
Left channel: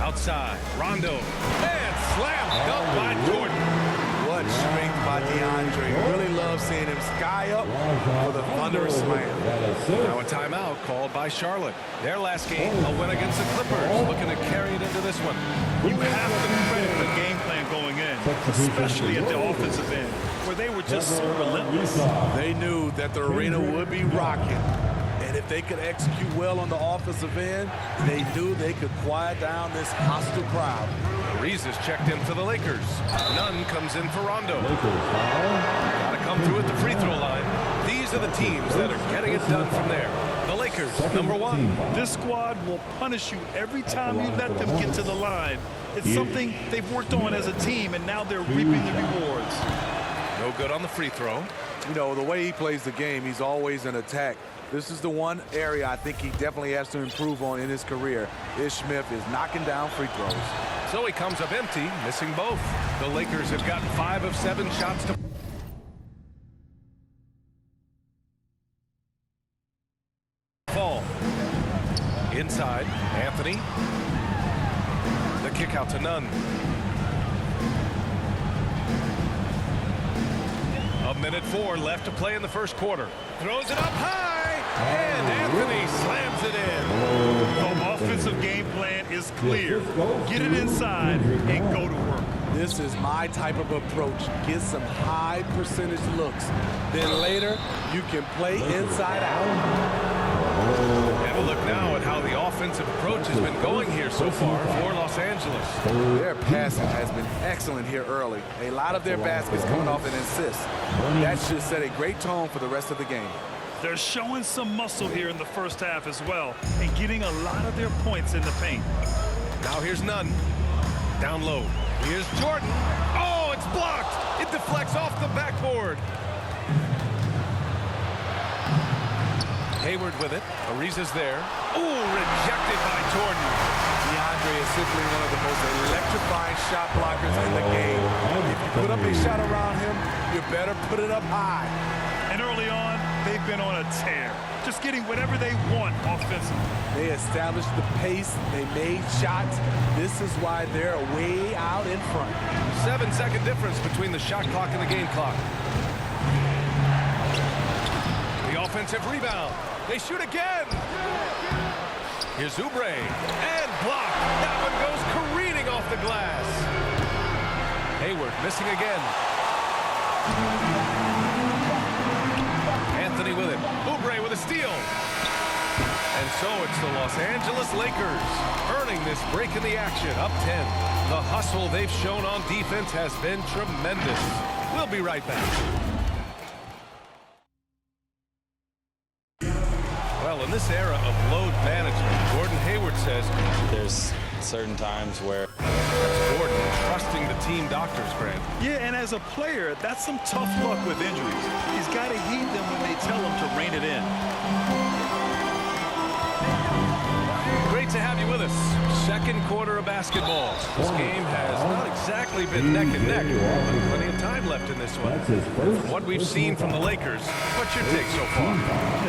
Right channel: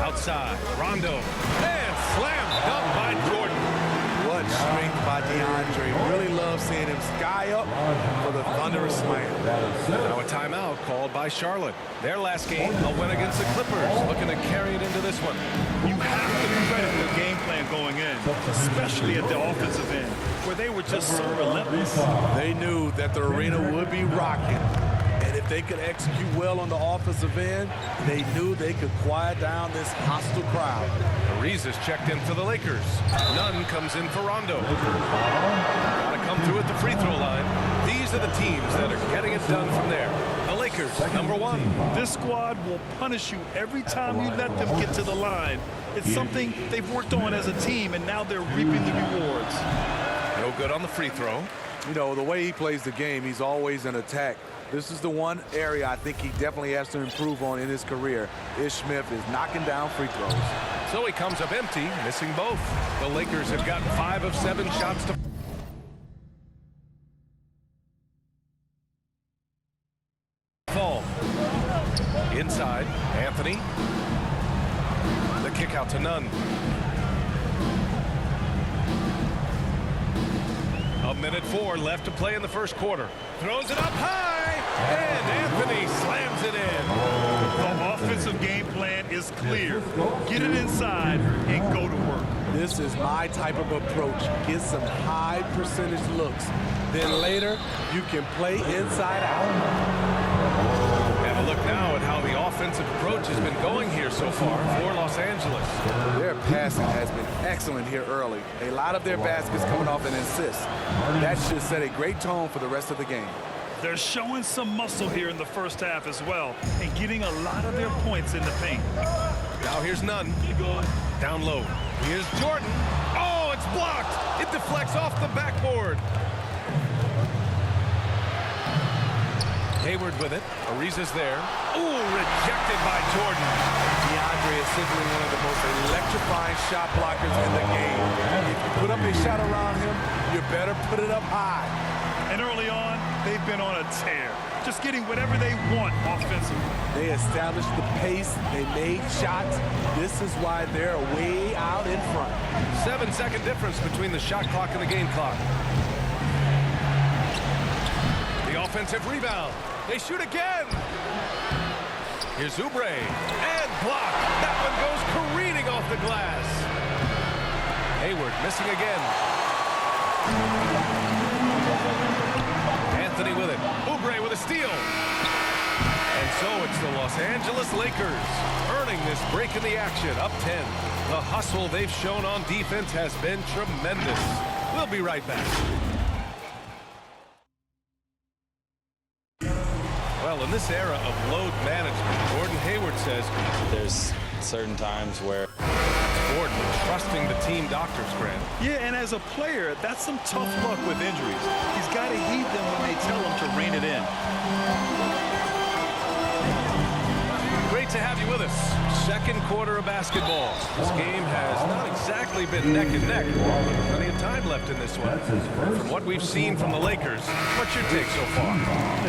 Outside, Rondo. And slam dunk by Jordan. What strength by DeAndre. Really love seeing him sky up for the thunderous slam. Now a timeout called by Charlotte. Their last game, a win against the Clippers, looking to carry it into this one. You have to credit the game plan going in, especially at the offensive end, where they were just so relentless. They knew that the arena would be rocking. And if they could execute well on the offensive end, they knew they could quiet down this hostile crowd. Ariza's checked in for the Lakers. Nunn comes in for Rondo. Got to come through at the free throw line. These are the teams that are getting it done from there. The Lakers, number 1. This squad will punish you every time you let them get to the line. It's something they've worked on as a team, and now they're reaping the rewards. No good on the free throw. You know, the way he plays the game, he's always in attack. This is the one area I think he definitely has to improve on in his career. Ish Smith is knocking down free throws. So he comes up empty, missing both. The Lakers have gotten 5 of 7 shots to fall. Inside, Anthony. The kick out to Nunn. A minute 4 left to play in the first quarter. Throws it up high, and Anthony slams it in. The offensive game plan is clear. Get it inside and go to work. This is my type of approach. Get some high percentage looks. Then later, you can play inside out. And a look now at how the offensive approach has been going here so far for Los Angeles. Their passing has been excellent here early. A lot of their baskets coming off an assist. That should set a great tone for the rest of the game. They're showing some muscle here in the first half as well and getting a lot of their points in the paint. Now here's Nunn. Down low. Here's Jordan. Oh, it's blocked. It deflects off the backboard. Hayward with it. Ariza's there. Oh, rejected by Jordan. DeAndre is simply one of the most electrifying shot blockers in the game. If you put up a shot around him, you better put it up high. And early on, they've been on a tear. just getting whatever they want offensively. They established the pace. They made shots. This is why they're way out in front. 7-second difference between the shot clock and the game clock. The offensive rebound. They shoot again. Here's Oubre. And blocked. That one goes careening off the glass. Hayward missing again. Anthony with it. Oubre with a steal. And so it's the Los Angeles Lakers earning this break in the action, up 10. The hustle they've shown on defense has been tremendous. We'll be right back. Well, in this era of load management, Gordon Hayward says there's certain times where that's Gordon trusting the team doctors, Grant. Yeah, and as a player, that's some tough luck with injuries. He's got to heed them when they tell him to rein it in. Great to have you with us. Second quarter of basketball. This game has not exactly been neck and neck, but plenty of time left in this one. And from what we've seen from the Lakers, what's your take so far?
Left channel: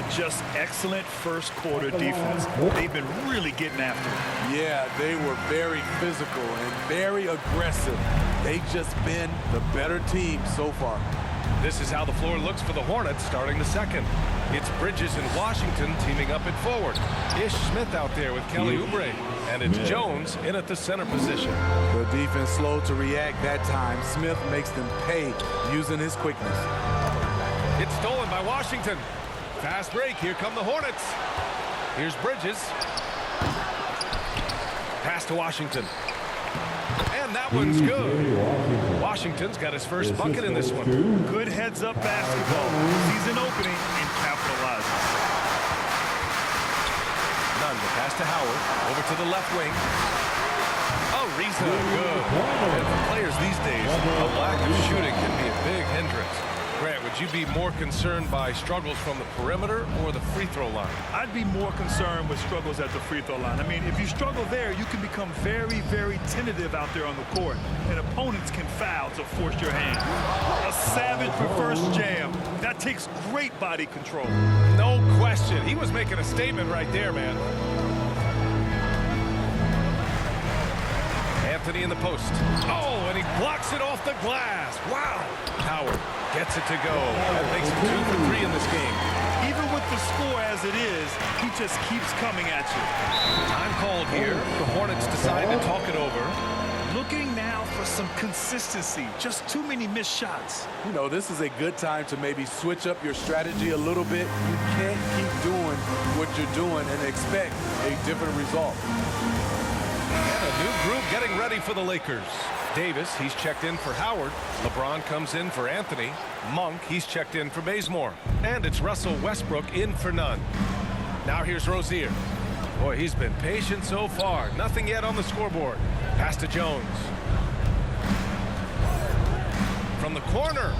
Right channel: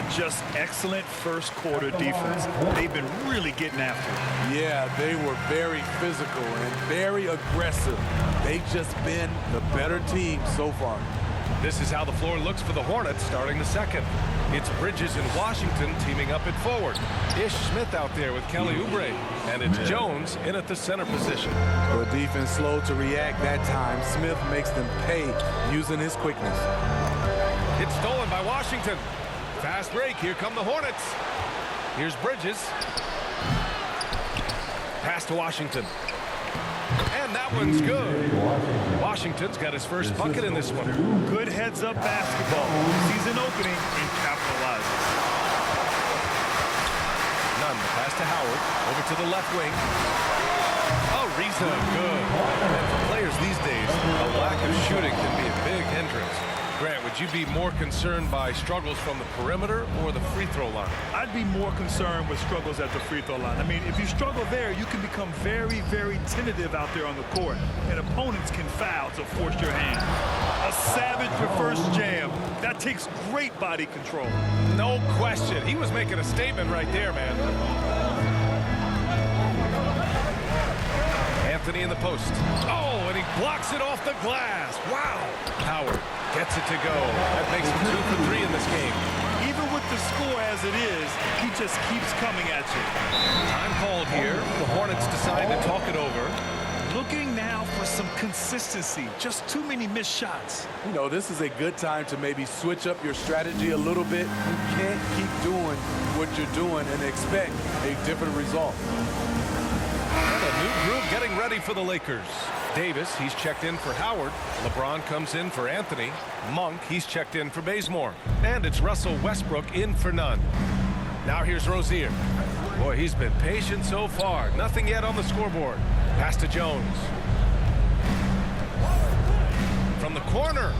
Just excellent first quarter defense. They've been really getting after it. Yeah, they were very physical and very aggressive. They've just been the better team so far. This is how the floor looks for the Hornets starting the second. It's Bridges and Washington teaming up at forward. Ish Smith out there with Kelly Oubre. And it's Jones in at the center position. The defense slow to react that time. Smith makes them pay using his quickness. It's stolen by Washington. Fast break. Here come the Hornets. Here's Bridges. Pass to Washington. And that one's good. Washington's got his first bucket in this one. Good heads-up basketball. Sees an opening and capitalizes. Nunn, the pass to Howard. Over to the left wing. Ariza, good. And for players these days, a lack of shooting can be a big hindrance. Grant, would you be more concerned by struggles from the perimeter or the free throw line? I'd be more concerned with struggles at the free throw line. I mean, if you struggle there, you can become very, very tentative out there on the court, and opponents can foul to force your hand. A savage reverse jam. That takes great body control. No question. He was making a statement right there, man. Anthony in the post. Oh, and he blocks it off the glass. Wow. Howard gets it to go. That makes him 2 for 3 in this game. Even with the score as it is, he just keeps coming at you. Time called here. The Hornets decide to talk it over. Looking now for some consistency. Just too many missed shots. You know, this is a good time to maybe switch up your strategy a little bit. You can't keep doing what you're doing and expect a different result. And a new group getting ready for the Lakers. Davis, he's checked in for Howard. LeBron comes in for Anthony. Monk, he's checked in for Bazemore. And it's Russell Westbrook in for Nunn. Now here's Rozier. Boy, he's been patient so far. Nothing yet on the scoreboard. Pass to Jones. From the corner.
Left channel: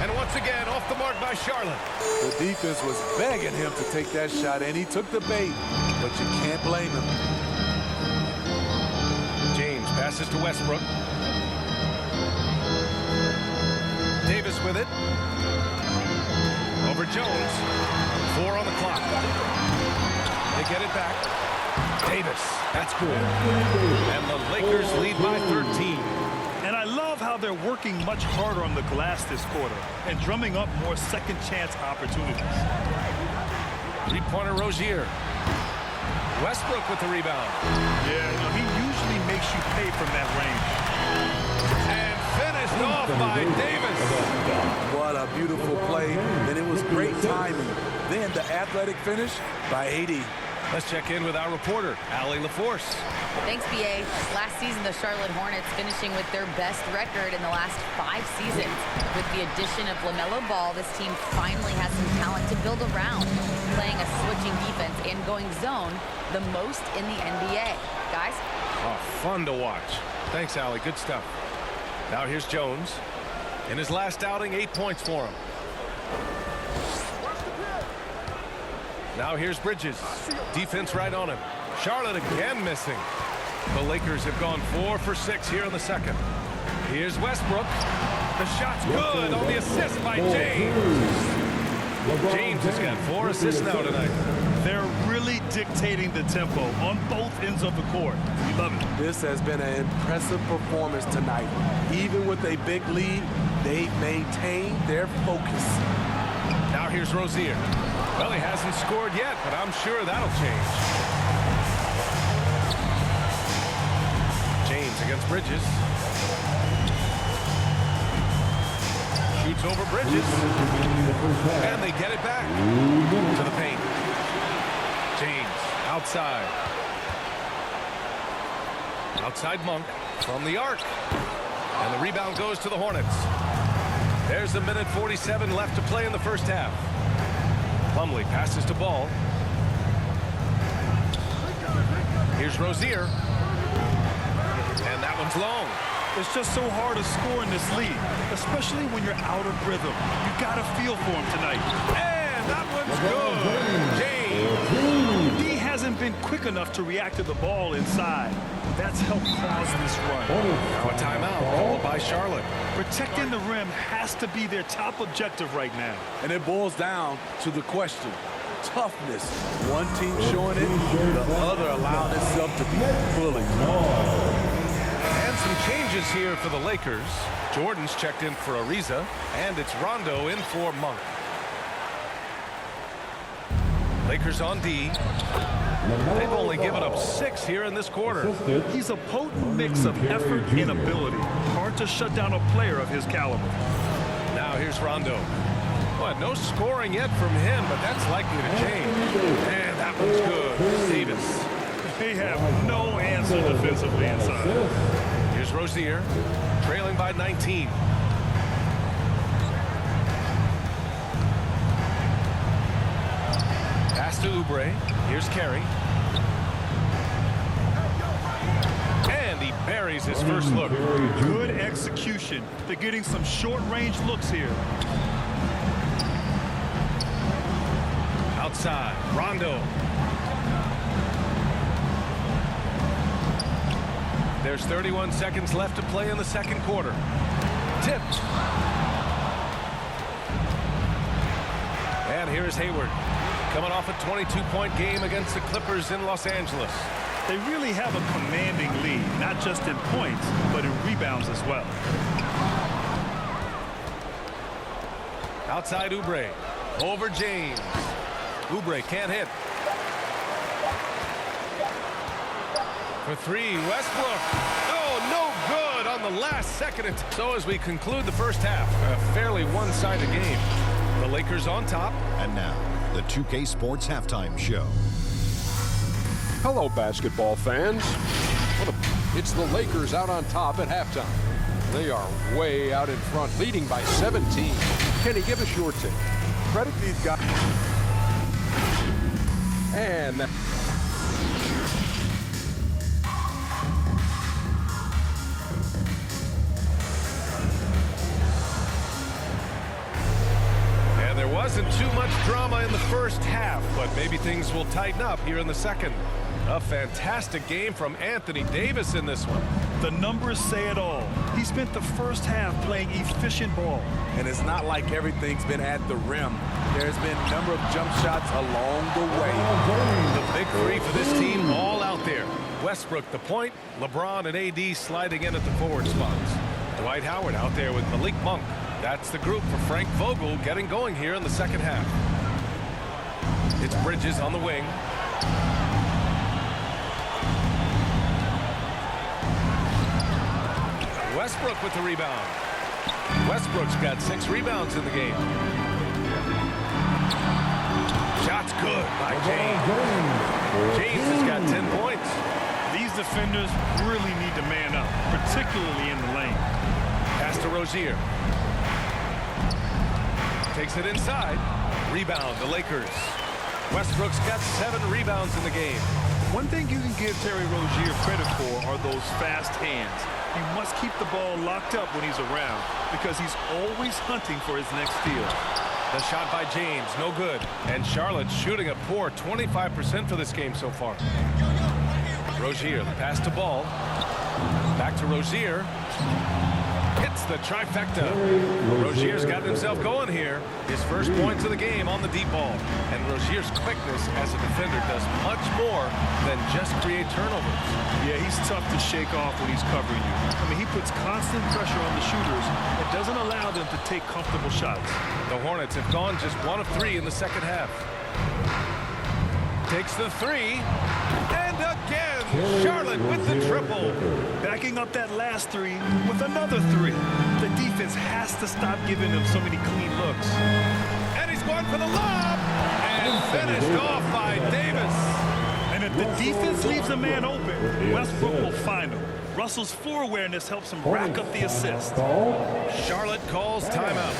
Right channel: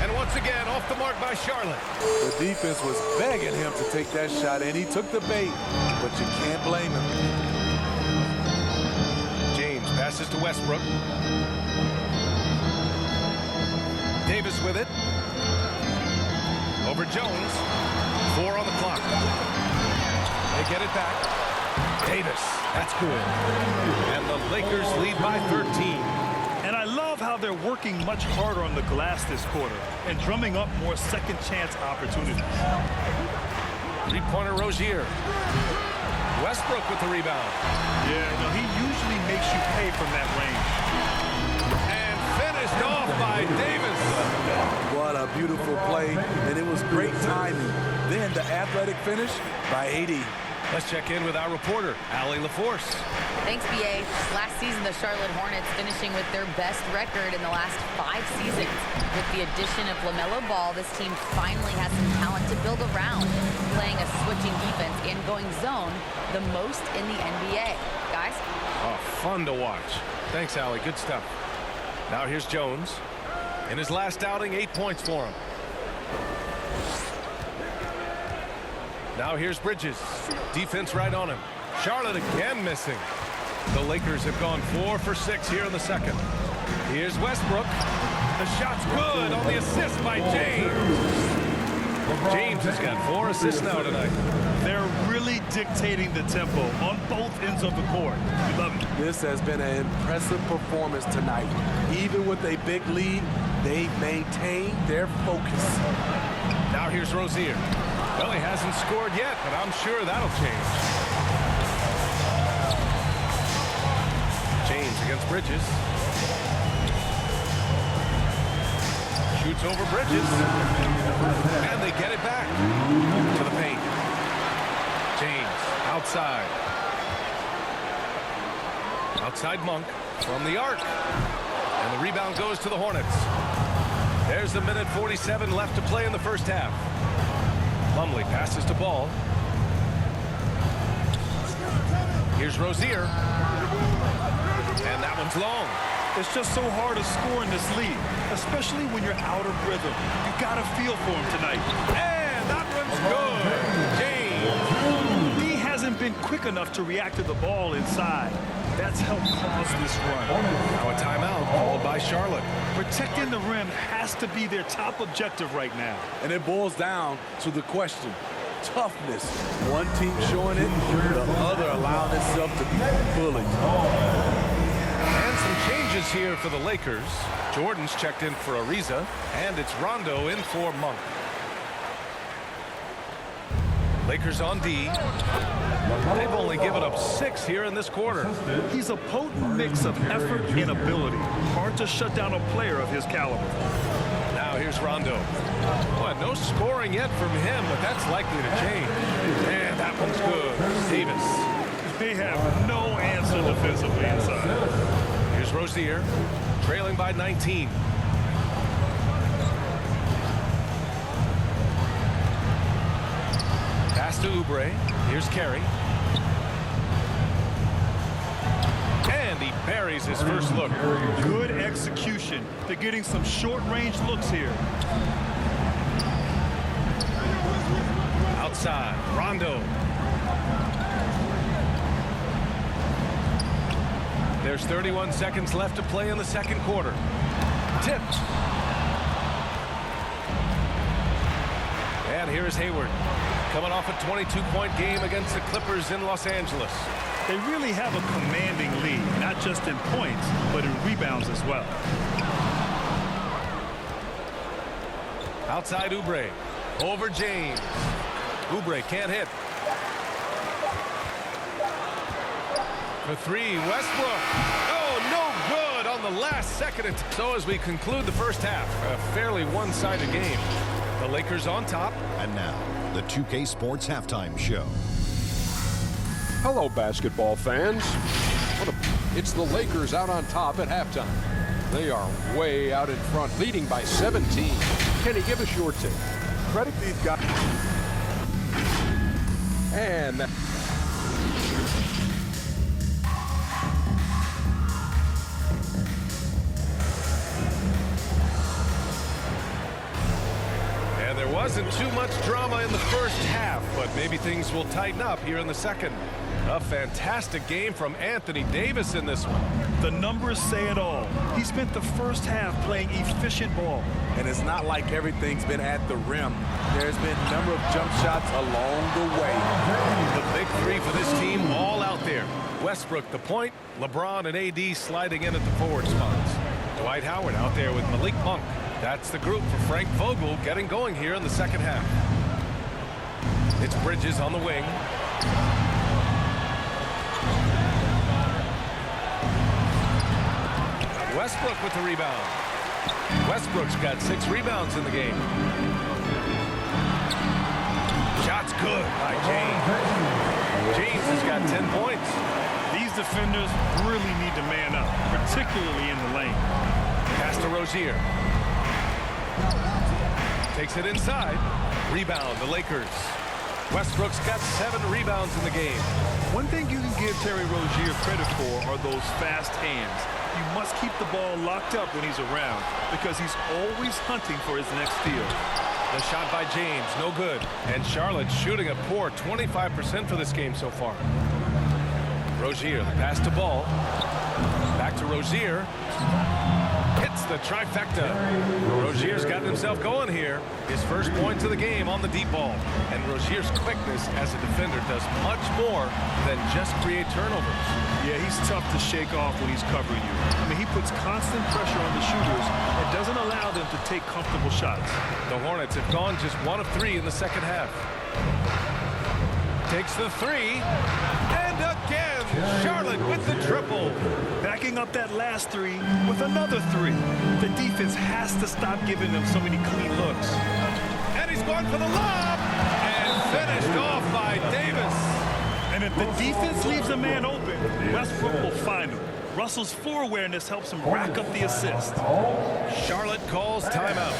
And once again, off the mark by Charlotte. The defense was begging him to take that shot, and he took the bait. But you can't blame him. James passes to Westbrook. Davis with it. Over Jones. 4 on the clock. They get it back. Davis. That's good. And the Lakers lead by 13. And I love how they're working much harder on the glass this quarter and drumming up more second chance opportunities. Three-pointer Rozier. Westbrook with the rebound. Yeah, you know, he usually makes you pay from that range. And finished off by Davis. What a beautiful play, and it was great timing. Then the athletic finish by AD. Let's check in with our reporter, Allie LaForce. Thanks, BA. Last season, the Charlotte Hornets finishing with their best record in the last 5 seasons. With the addition of LaMelo Ball, this team finally has some talent to build around, playing a switching defense and going zone the most in the NBA. Guys? Oh, fun to watch. Thanks, Allie. Good stuff. Now here's Jones. In his last outing, 8 points for him. Now here's Bridges. Defense right on him. Charlotte again missing. The Lakers have gone 4 for 6 here in the second. Here's Westbrook. The shot's good on the assist by James. James has got 4 assists now tonight. They're really dictating the tempo on both ends of the court. We love it. This has been an impressive performance tonight. Even with a big lead, they've maintained their focus. Now here's Rozier. Well, he hasn't scored yet, but I'm sure that'll change. James against Bridges. Shoots over Bridges. And they get it back to the paint. James outside. Outside Monk from the arc. And the rebound goes to the Hornets. There's a minute 47 left to play in the first half. Plumlee passes to Ball. Here's Rozier. And that one's long. It's just so hard to score in this league, especially when you're out of rhythm. You got to feel for him tonight. And that one's good. James. He hasn't been quick enough to react to the ball inside. That's helped cause this run. Now a timeout called by Charlotte. Protecting the rim has to be their top objective right now. And it boils down to the question. Toughness. One team showing it, the other allowing itself to be bullied. And some changes here for the Lakers. Jordan's checked in for Ariza, and it's Rondo in for Monk. Lakers on D. They've only given up 6 here in this quarter. He's a potent mix of effort and ability. Hard to shut down a player of his caliber. Now here's Rondo. Well, no scoring yet from him, but that's likely to change. And that one's good. Davis. They have no answer defensively inside. Here's Rozier, trailing by 19. Pass to Oubre. Here's Carey. And he buries his first look. Good execution. They're getting some short-range looks here. Outside, Rondo. There's 31 seconds left to play in the second quarter. Tipped. And here's Hayward, coming off a 22-point game against the Clippers in Los Angeles. They really have a commanding lead, not just in points, but in rebounds as well. Outside Oubre, over James. Oubre can't hit. For 3, Westbrook. Oh, no good on the last second. So as we conclude the first half, a fairly one-sided game. The Lakers on top. And now, the 2K Sports Halftime Show. Hello, basketball fans. It's the Lakers out on top at halftime. They are way out in front, leading by 17. Kenny, give us your take. Credit these guys. And there wasn't too much drama in the first half, but maybe things will tighten up here in the second. A fantastic game from Anthony Davis in this one. The numbers say it all. He spent the first half playing efficient ball. And it's not like everything's been at the rim. There's been a number of jump shots along the way. The big 3 for this team all out there. Westbrook the point, LeBron and AD sliding in at the forward spots. Dwight Howard out there with Malik Monk. That's the group for Frank Vogel getting going here in the second half. It's Bridges on the wing. Westbrook with the rebound. Westbrook's got 6 rebounds in the game. Shot's good by James. James has got 10 points. These defenders really need to man up, particularly in the lane. Pass to Rozier. Takes it inside. Rebound, the Lakers. Westbrook's got 7 rebounds in the game. One thing you can give Terry Rozier credit for are those fast hands. You must keep the ball locked up when he's around because he's always hunting for his next steal. The shot by James, no good. And Charlotte's shooting a poor 25% for this game so far. Rozier, the pass to Ball. Back to Rozier. Hits the trifecta. Rozier's gotten himself going here. His first points of the game on the deep ball. And Rozier's quickness as a defender does much more than just create turnovers. Yeah, he's tough to shake off when he's covering you. I mean, he puts constant pressure on the shooters and doesn't allow them to take comfortable shots. The Hornets have gone just 1 of 3 in the second half. Takes the 3. And again, Charlotte with the triple. Backing up that last 3 with another 3. The defense has to stop giving them so many clean looks. And he's going for the lob. And finished off by Davis. And if the defense leaves a man open, Westbrook will find him. Russell's floor awareness helps him rack up the assist. Charlotte calls timeout.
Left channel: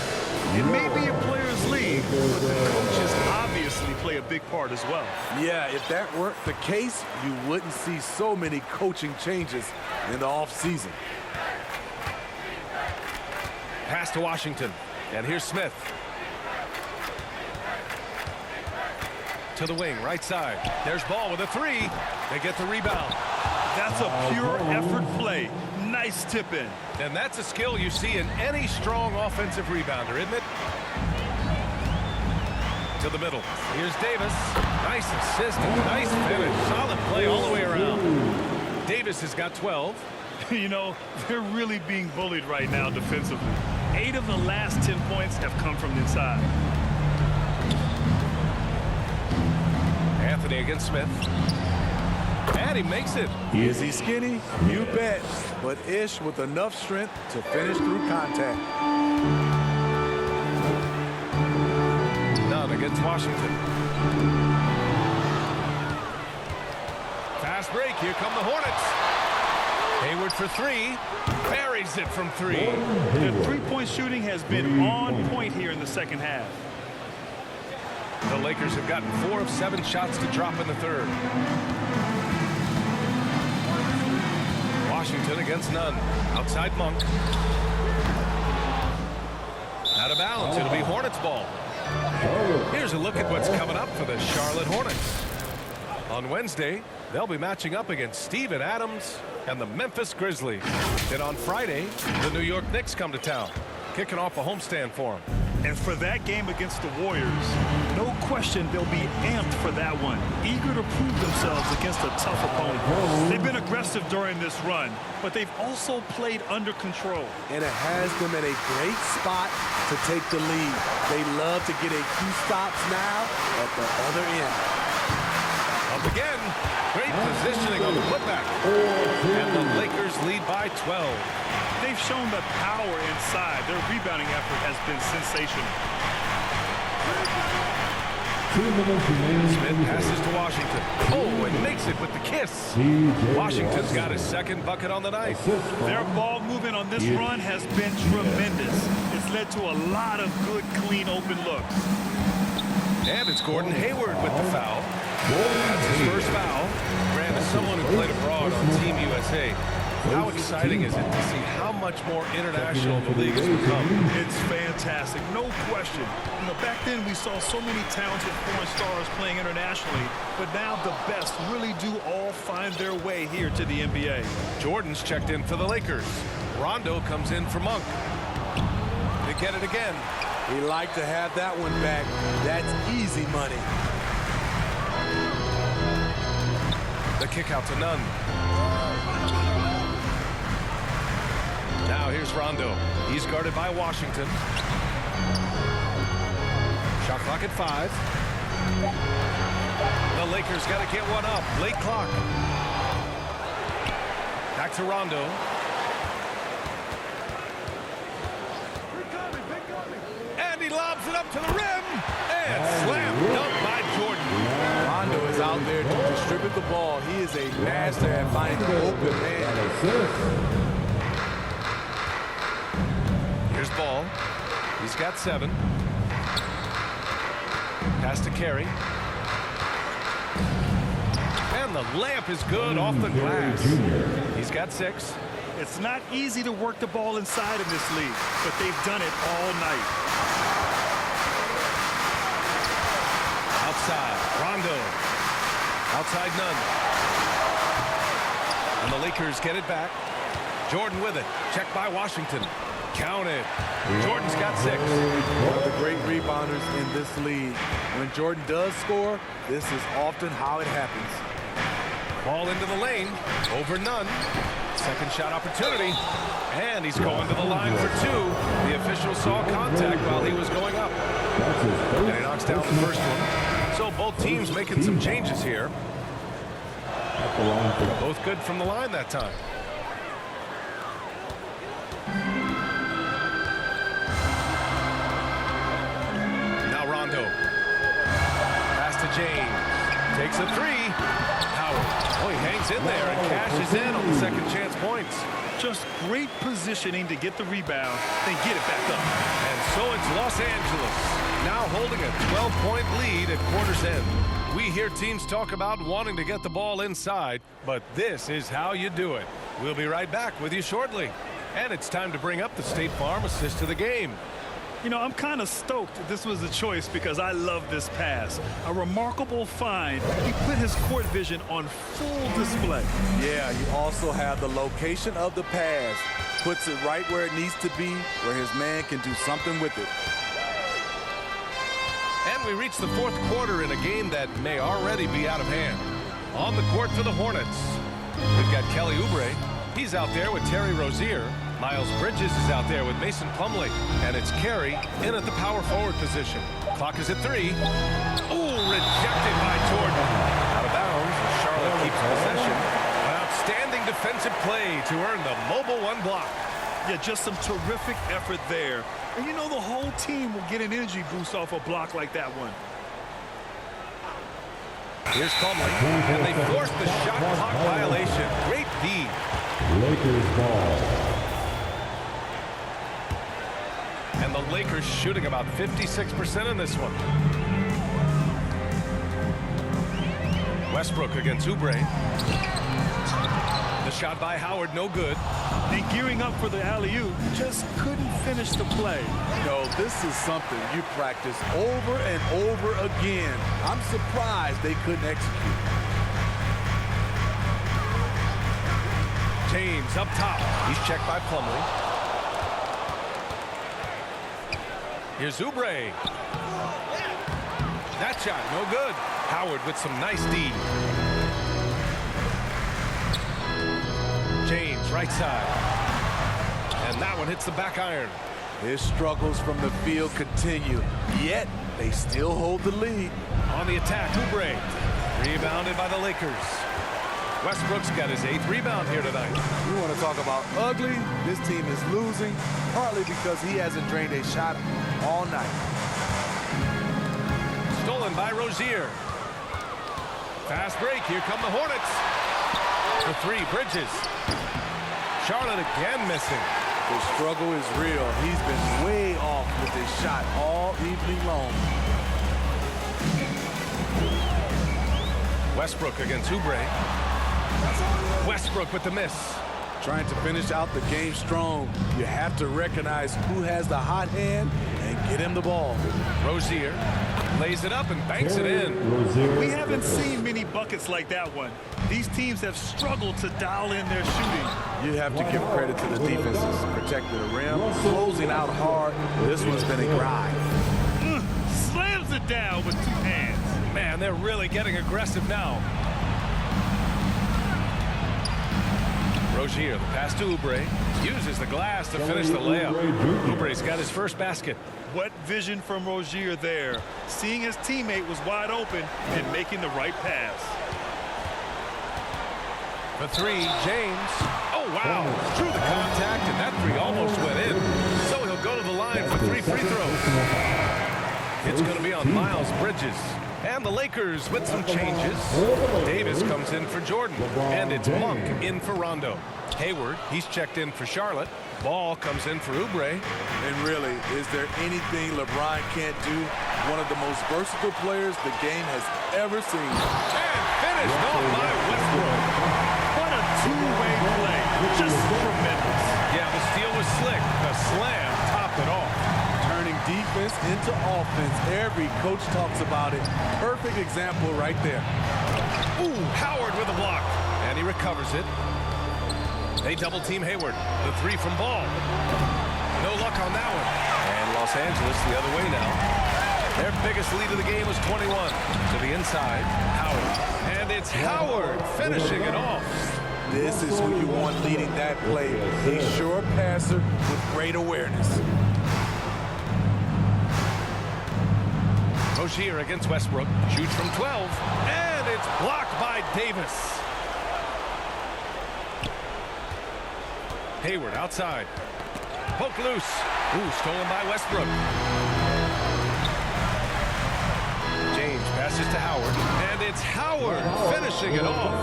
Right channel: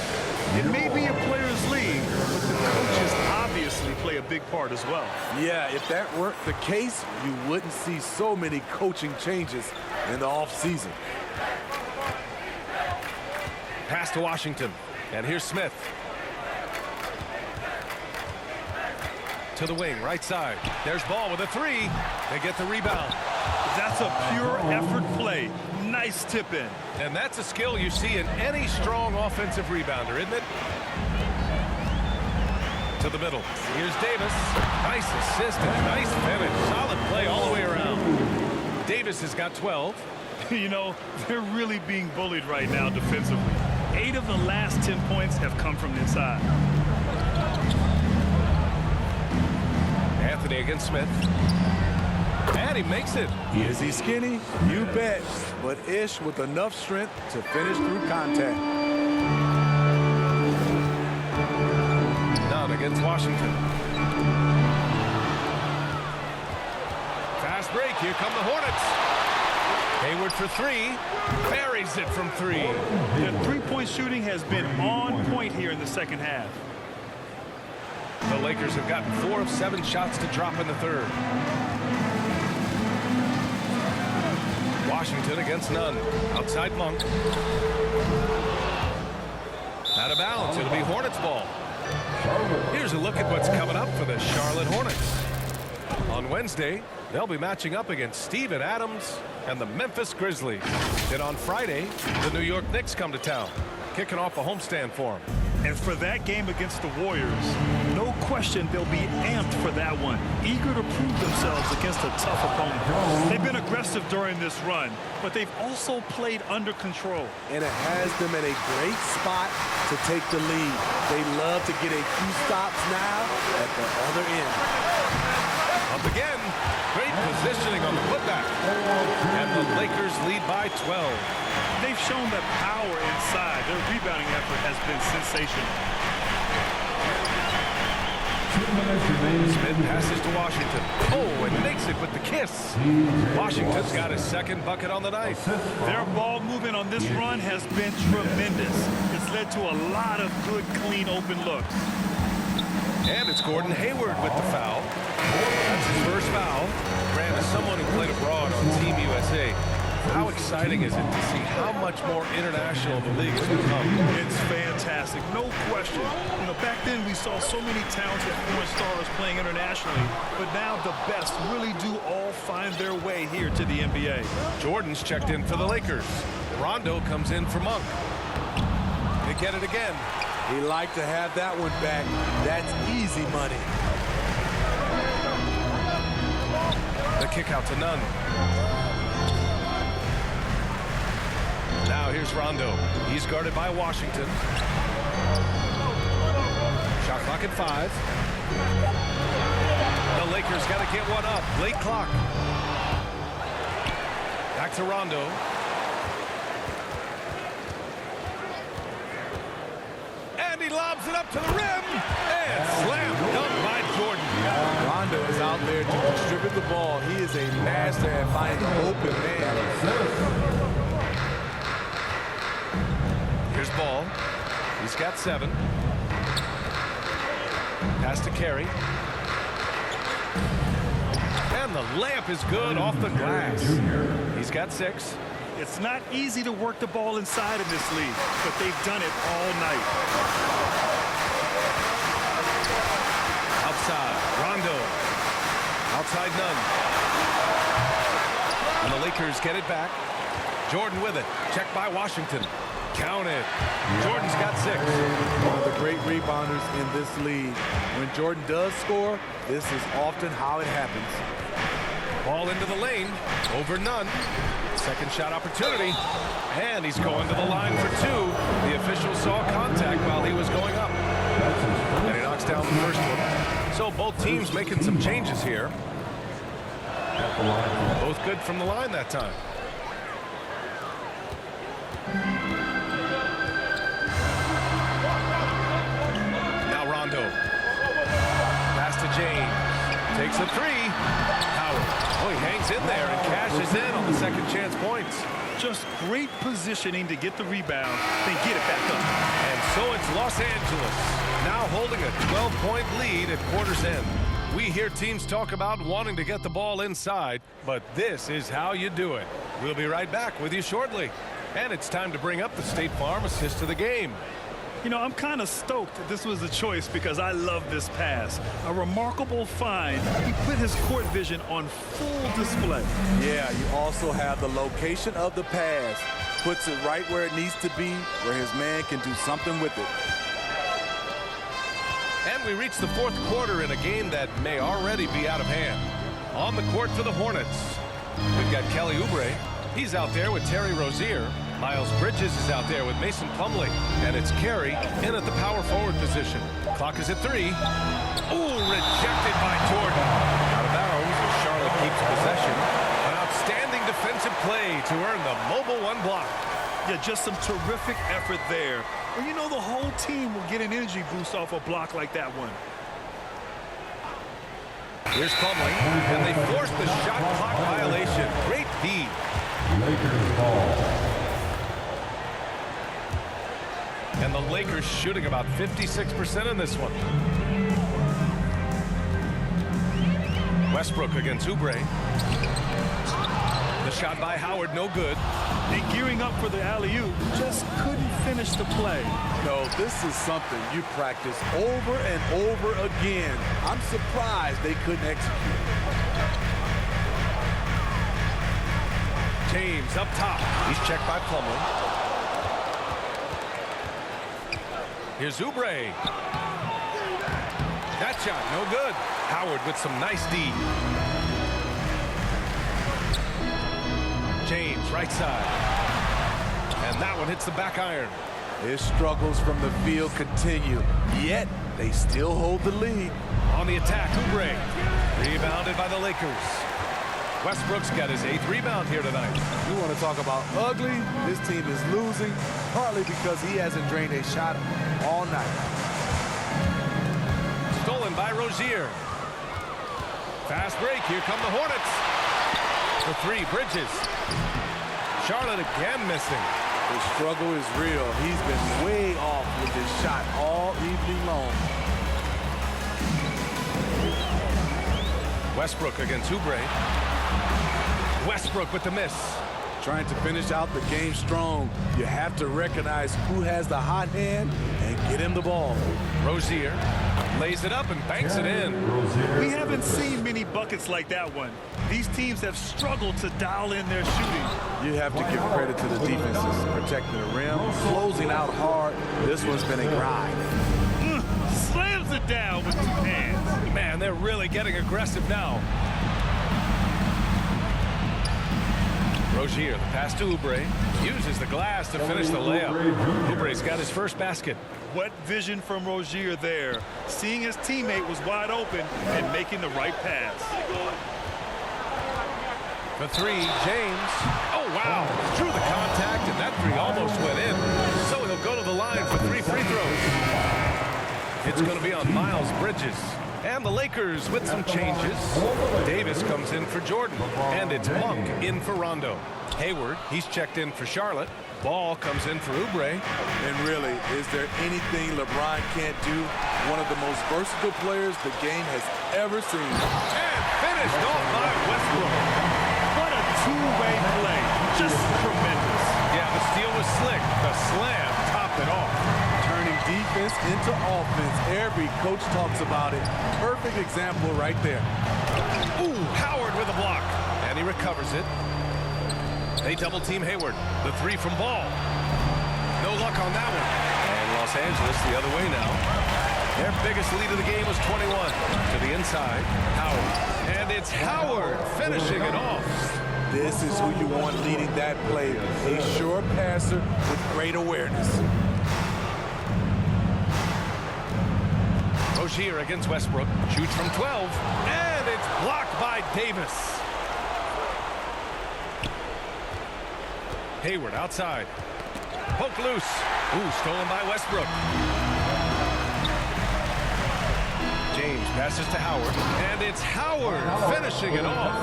It may be a players' league, but the coaches obviously play a big part as well. Yeah, if that weren't the case, you wouldn't see so many coaching changes in the offseason. Pass to Washington. And here's Smith. To the wing, right side. There's Ball with a 3. They get the rebound. That's a pure effort play. Nice tip in. And that's a skill you see in any strong offensive rebounder, isn't it? To the middle. Here's Davis. Nice assist and nice finish. Solid play all the way around. Davis has got 12. You know, they're really being bullied right now defensively. 8 of the last 10 points have come from the inside. Anthony against Smith. And he makes it. Is he skinny? You bet. But Ish with enough strength to finish through contact. None against Washington. Fast break. Here come the Hornets. Hayward for 3. Buries it from 3. The three-point shooting has been on point here in the second half. The Lakers have gotten 4 of 7 shots to drop in the third. Washington against Nunn. Outside Monk. Out of bounds. It'll be Hornets ball. Here's a look at what's coming up for the Charlotte Hornets. On Wednesday, they'll be matching up against Steven Adams and the Memphis Grizzlies. Then on Friday, the New York Knicks come to town, kicking off a homestand for them. And for that game against the Warriors, no question they'll be amped for that one, eager to prove themselves against a tough opponent. They've been aggressive during this run, but they've also played under control. And it has them in a great spot to take the lead. They love to get a few stops now at the other end. Up again. Great positioning on the putback. And the Lakers lead by 12. They've shown the power inside. Their rebounding effort has been sensational. 2 minutes remaining. Smith passes to Washington. Oh, and makes it with the kiss. Washington's got his second bucket on the night. Their ball movement on this run has been tremendous. It's led to a lot of good, clean, open looks. And it's Gordon Hayward with the foul. That's his first foul. Grant, as someone who played abroad on Team USA, how exciting is it to see how much more international the league has become? It's fantastic, no question. You know, back then we saw so many talented foreign stars playing internationally, but now the best really do all find their way here to the NBA. Jordan's checked in for the Lakers. Rondo comes in for Monk. They get it again. He'd like to have that one back. That's easy money. The kick out to Nunn. Now here's Rondo. He's guarded by Washington. Shot clock at 5. The Lakers got to get one up. Late clock. Back to Rondo. And he lobs it up to the rim. And slam dunk by Jordan. Rondo is out there to distribute the ball. He is a master at finding the open man. Here's Ball. He's got 7. Pass to Carey. And the layup is good off the glass. He's got 6. It's not easy to work the ball inside in this league, but they've done it all night. Outside, Rondo. Outside, Nunn. And the Lakers get it back. Jordan with it. Checked by Washington. Count it. Jordan's got 6. One of the great rebounders in this league. When Jordan does score, this is often how it happens. Ball into the lane. Over none. Second shot opportunity. And he's going to the line for 2. The official saw contact while he was going up. And he knocks down the first one. So both teams making some changes here. Both good from the line that time. Now Rondo. Pass to James. Takes a 3. Howard. Oh, he hangs in there and cashes in on the second chance points. Just great positioning to get the rebound, then get it back up. And so it's Los Angeles, now holding a 12-point lead at quarter's end. We hear teams talk about wanting to get the ball inside, but this is how you do it. We'll be right back with you shortly. And it's time to bring up the State Farm assist of the game. You know, I'm kind of stoked this was a choice because I love this pass. A remarkable find. He put his court vision on full display. Yeah, you also have the location of the pass. Puts it right where it needs to be, where his man can do something with it. And we reach the fourth quarter in a game that may already be out of hand. On the court for the Hornets, we've got Kelly Oubre. He's out there with Terry Rozier. Miles Bridges is out there with Mason Plumlee. And it's Carey in at the power forward position. Clock is at 3. Ooh, rejected by Jordan. Out of bounds as Charlotte keeps possession. An outstanding defensive play to earn the mobile 1 block. Yeah, just some terrific effort there. And you know the whole team will get an energy boost off a block like that one. Here's Plumlee, and they force the shot clock violation. Great D. Lakers ball. And the Lakers shooting about 56% in this one. Westbrook against Oubre. The shot by Howard, no good. And gearing up for the alley-oop, just couldn't finish the play. No, this is something you practice over and over again. I'm surprised they couldn't execute. James up top. He's checked by Plumlee. Here's Oubre. That shot, no good. Howard with some nice D. James, right side. And that one hits the back iron. His struggles from the field continue, yet they still hold the lead. On the attack, Oubre. Rebounded by the Lakers. Westbrook's got his 8th rebound here tonight. You want to talk about ugly? This team is losing, partly because he hasn't drained a shot all night. Stolen by Rozier. Fast break. Here come the Hornets. For 3, Bridges. Charlotte again missing. The struggle is real. He's been way off with his shot all evening long. Westbrook against Oubre. Westbrook with the miss. Trying to finish out the game strong. You have to recognize who has the hot hand and get him the ball. Rozier lays it up and banks it in. We haven't seen many buckets like that one. These teams have struggled to dial in their shooting. You have to give credit to the defenses. Protecting the rim, closing out hard. This one's been a grind. Slams it down with 2 hands. Man, they're really getting aggressive now. Rozier, the pass to Oubre. Uses the glass to finish the layup. Oubre's got his first basket. What vision from Rozier there. Seeing his teammate was wide open and making the right pass. For 3, James. Oh, wow. Drew the contact, and that 3 almost went in. So he'll go to the line for 3 free throws. It's going to be on Miles Bridges. And the Lakers with some changes. Davis comes in for Jordan. And it's Monk in for Rondo. Hayward, he's checked in for Charlotte. Ball comes in for Oubre. And really, is there anything LeBron can't do? One of the most versatile players the game has ever seen. And finished off by Westbrook. What a two-way play. Just tremendous. Yeah, the steal was slick. The slam topped it off. Turning defense into offense. Every coach talks about it. Perfect example right there. Ooh, Howard with a block. And he recovers it. They double-team Hayward. The 3 from Ball. No luck on that one. And Los Angeles the other way now. Their biggest lead of the game was 21. To the inside, Howard. And it's Howard finishing it off. This is who you want leading that play. A sure passer with great awareness. Rozier against Westbrook. Shoots from 12. And it's blocked by Davis. Hayward outside. Poke loose. Ooh, stolen by Westbrook. James passes to Howard. And it's Howard finishing it off.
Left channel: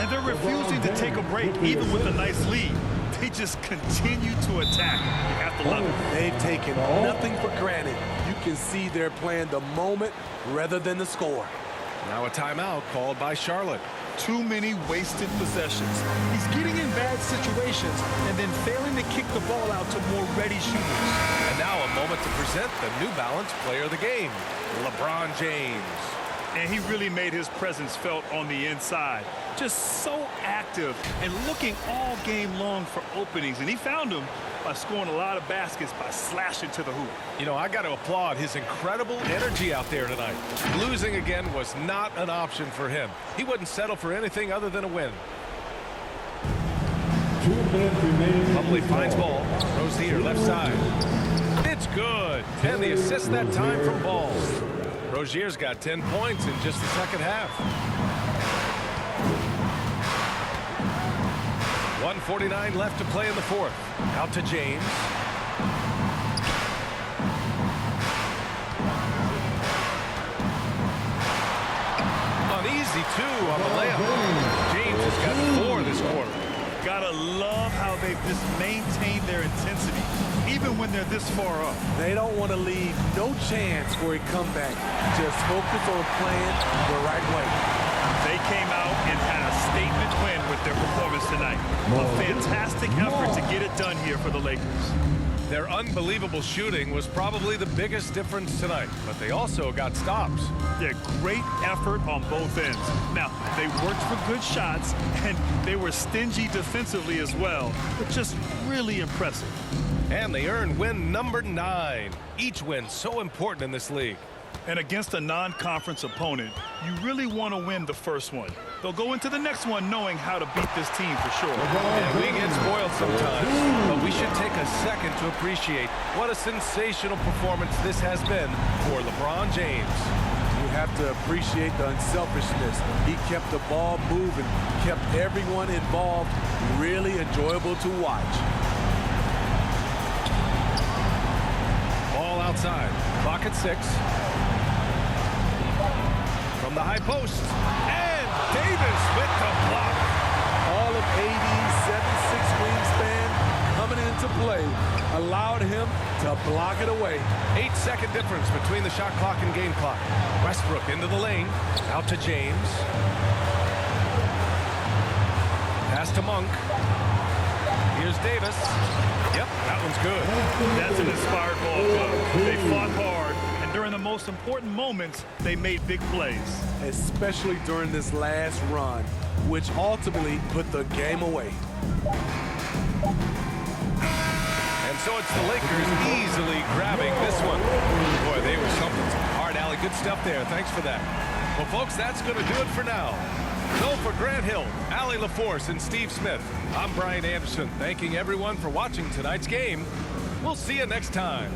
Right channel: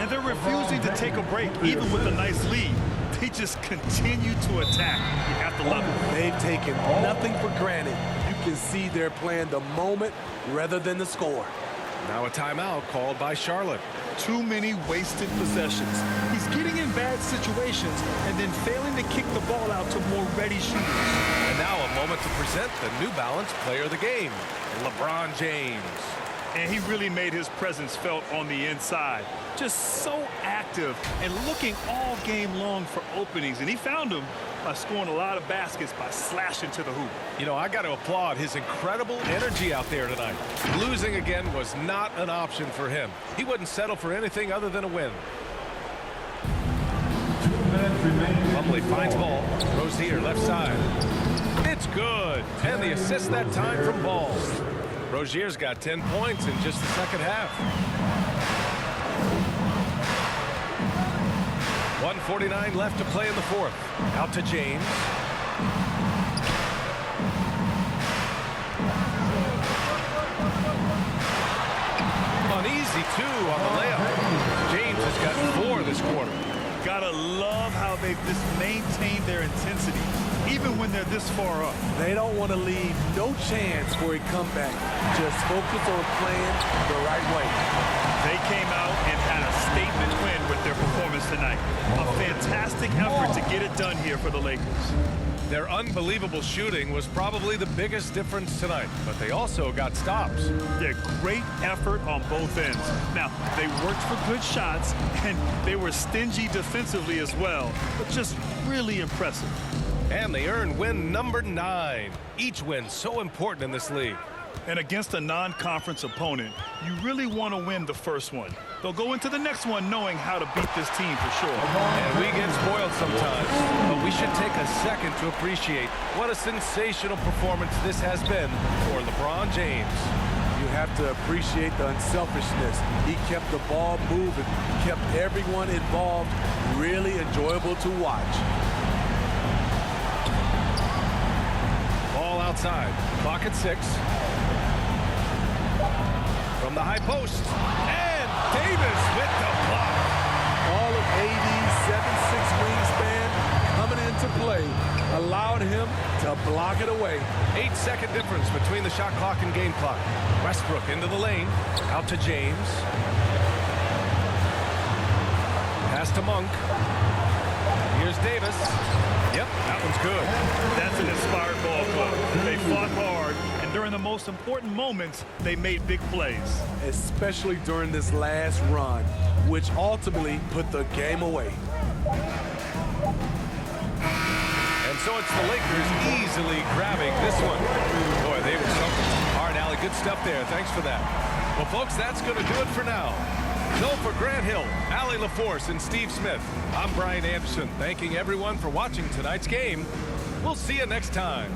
And they're refusing to take a break, even with a nice lead. They just continue to attack. You have to love it. They've taken nothing for granted. You can see they're playing the moment rather than the score. Now a timeout called by Charlotte. Too many wasted possessions. He's getting in bad situations and then failing to kick the ball out to more ready shooters. And now a moment to present the New Balance Player of the Game, LeBron James. And he really made his presence felt on the inside. Just so active and looking all game long for openings. And he found them by scoring a lot of baskets by slashing to the hoop. You know, I got to applaud his incredible energy out there tonight. Losing again was not an option for him. He wouldn't settle for anything other than a win. 2 minutes remaining. Plumlee finds ball. Rozier left side. It's good. And the assist that time from Ball. Rozier's got 10 points in just the second half. 1:49 left to play in the fourth. Out to James. An easy 2 on the layup. James has got 4 this quarter. Gotta love how they've just maintained their intensity, even when they're this far up. They don't want to leave no chance for a comeback. Just focus on playing the right way. They came out and had a statement win with their performance tonight. A fantastic effort to get it done here for the Lakers. Their unbelievable shooting was probably the biggest difference tonight, but they also got stops. Yeah, great effort on both ends. Now, they worked for good shots, and they were stingy defensively as well, but just really impressive. And they earned win number 9. Each win so important in this league. And against a non-conference opponent, you really want to win the first one. They'll go into the next one knowing how to beat this team for sure. And we get spoiled sometimes, but we should take a second to appreciate what a sensational performance this has been for LeBron James. You have to appreciate the unselfishness. He kept the ball moving, kept everyone involved, really enjoyable to watch. Ball outside, clock at 6. From the high post, and Davis with the block. All of AD's 7'6" wingspan coming into play allowed him to block it away. 8-second difference between the shot clock and game clock. Westbrook into the lane, out to James. Pass to Monk. Here's Davis. Yep, that one's good. That's an inspired ball club. They fought hard, and during the most important moments, they made big plays. Especially during this last run, which ultimately put the game away. And so it's the Lakers easily grabbing this one. Boy, they were something. All right, Allie, good stuff there. Thanks for that. Well, folks, that's going to do it for now. So for Grant Hill, Allie LaForce, and Steve Smith, I'm Brian Anderson, thanking everyone for watching tonight's game. We'll see you next time.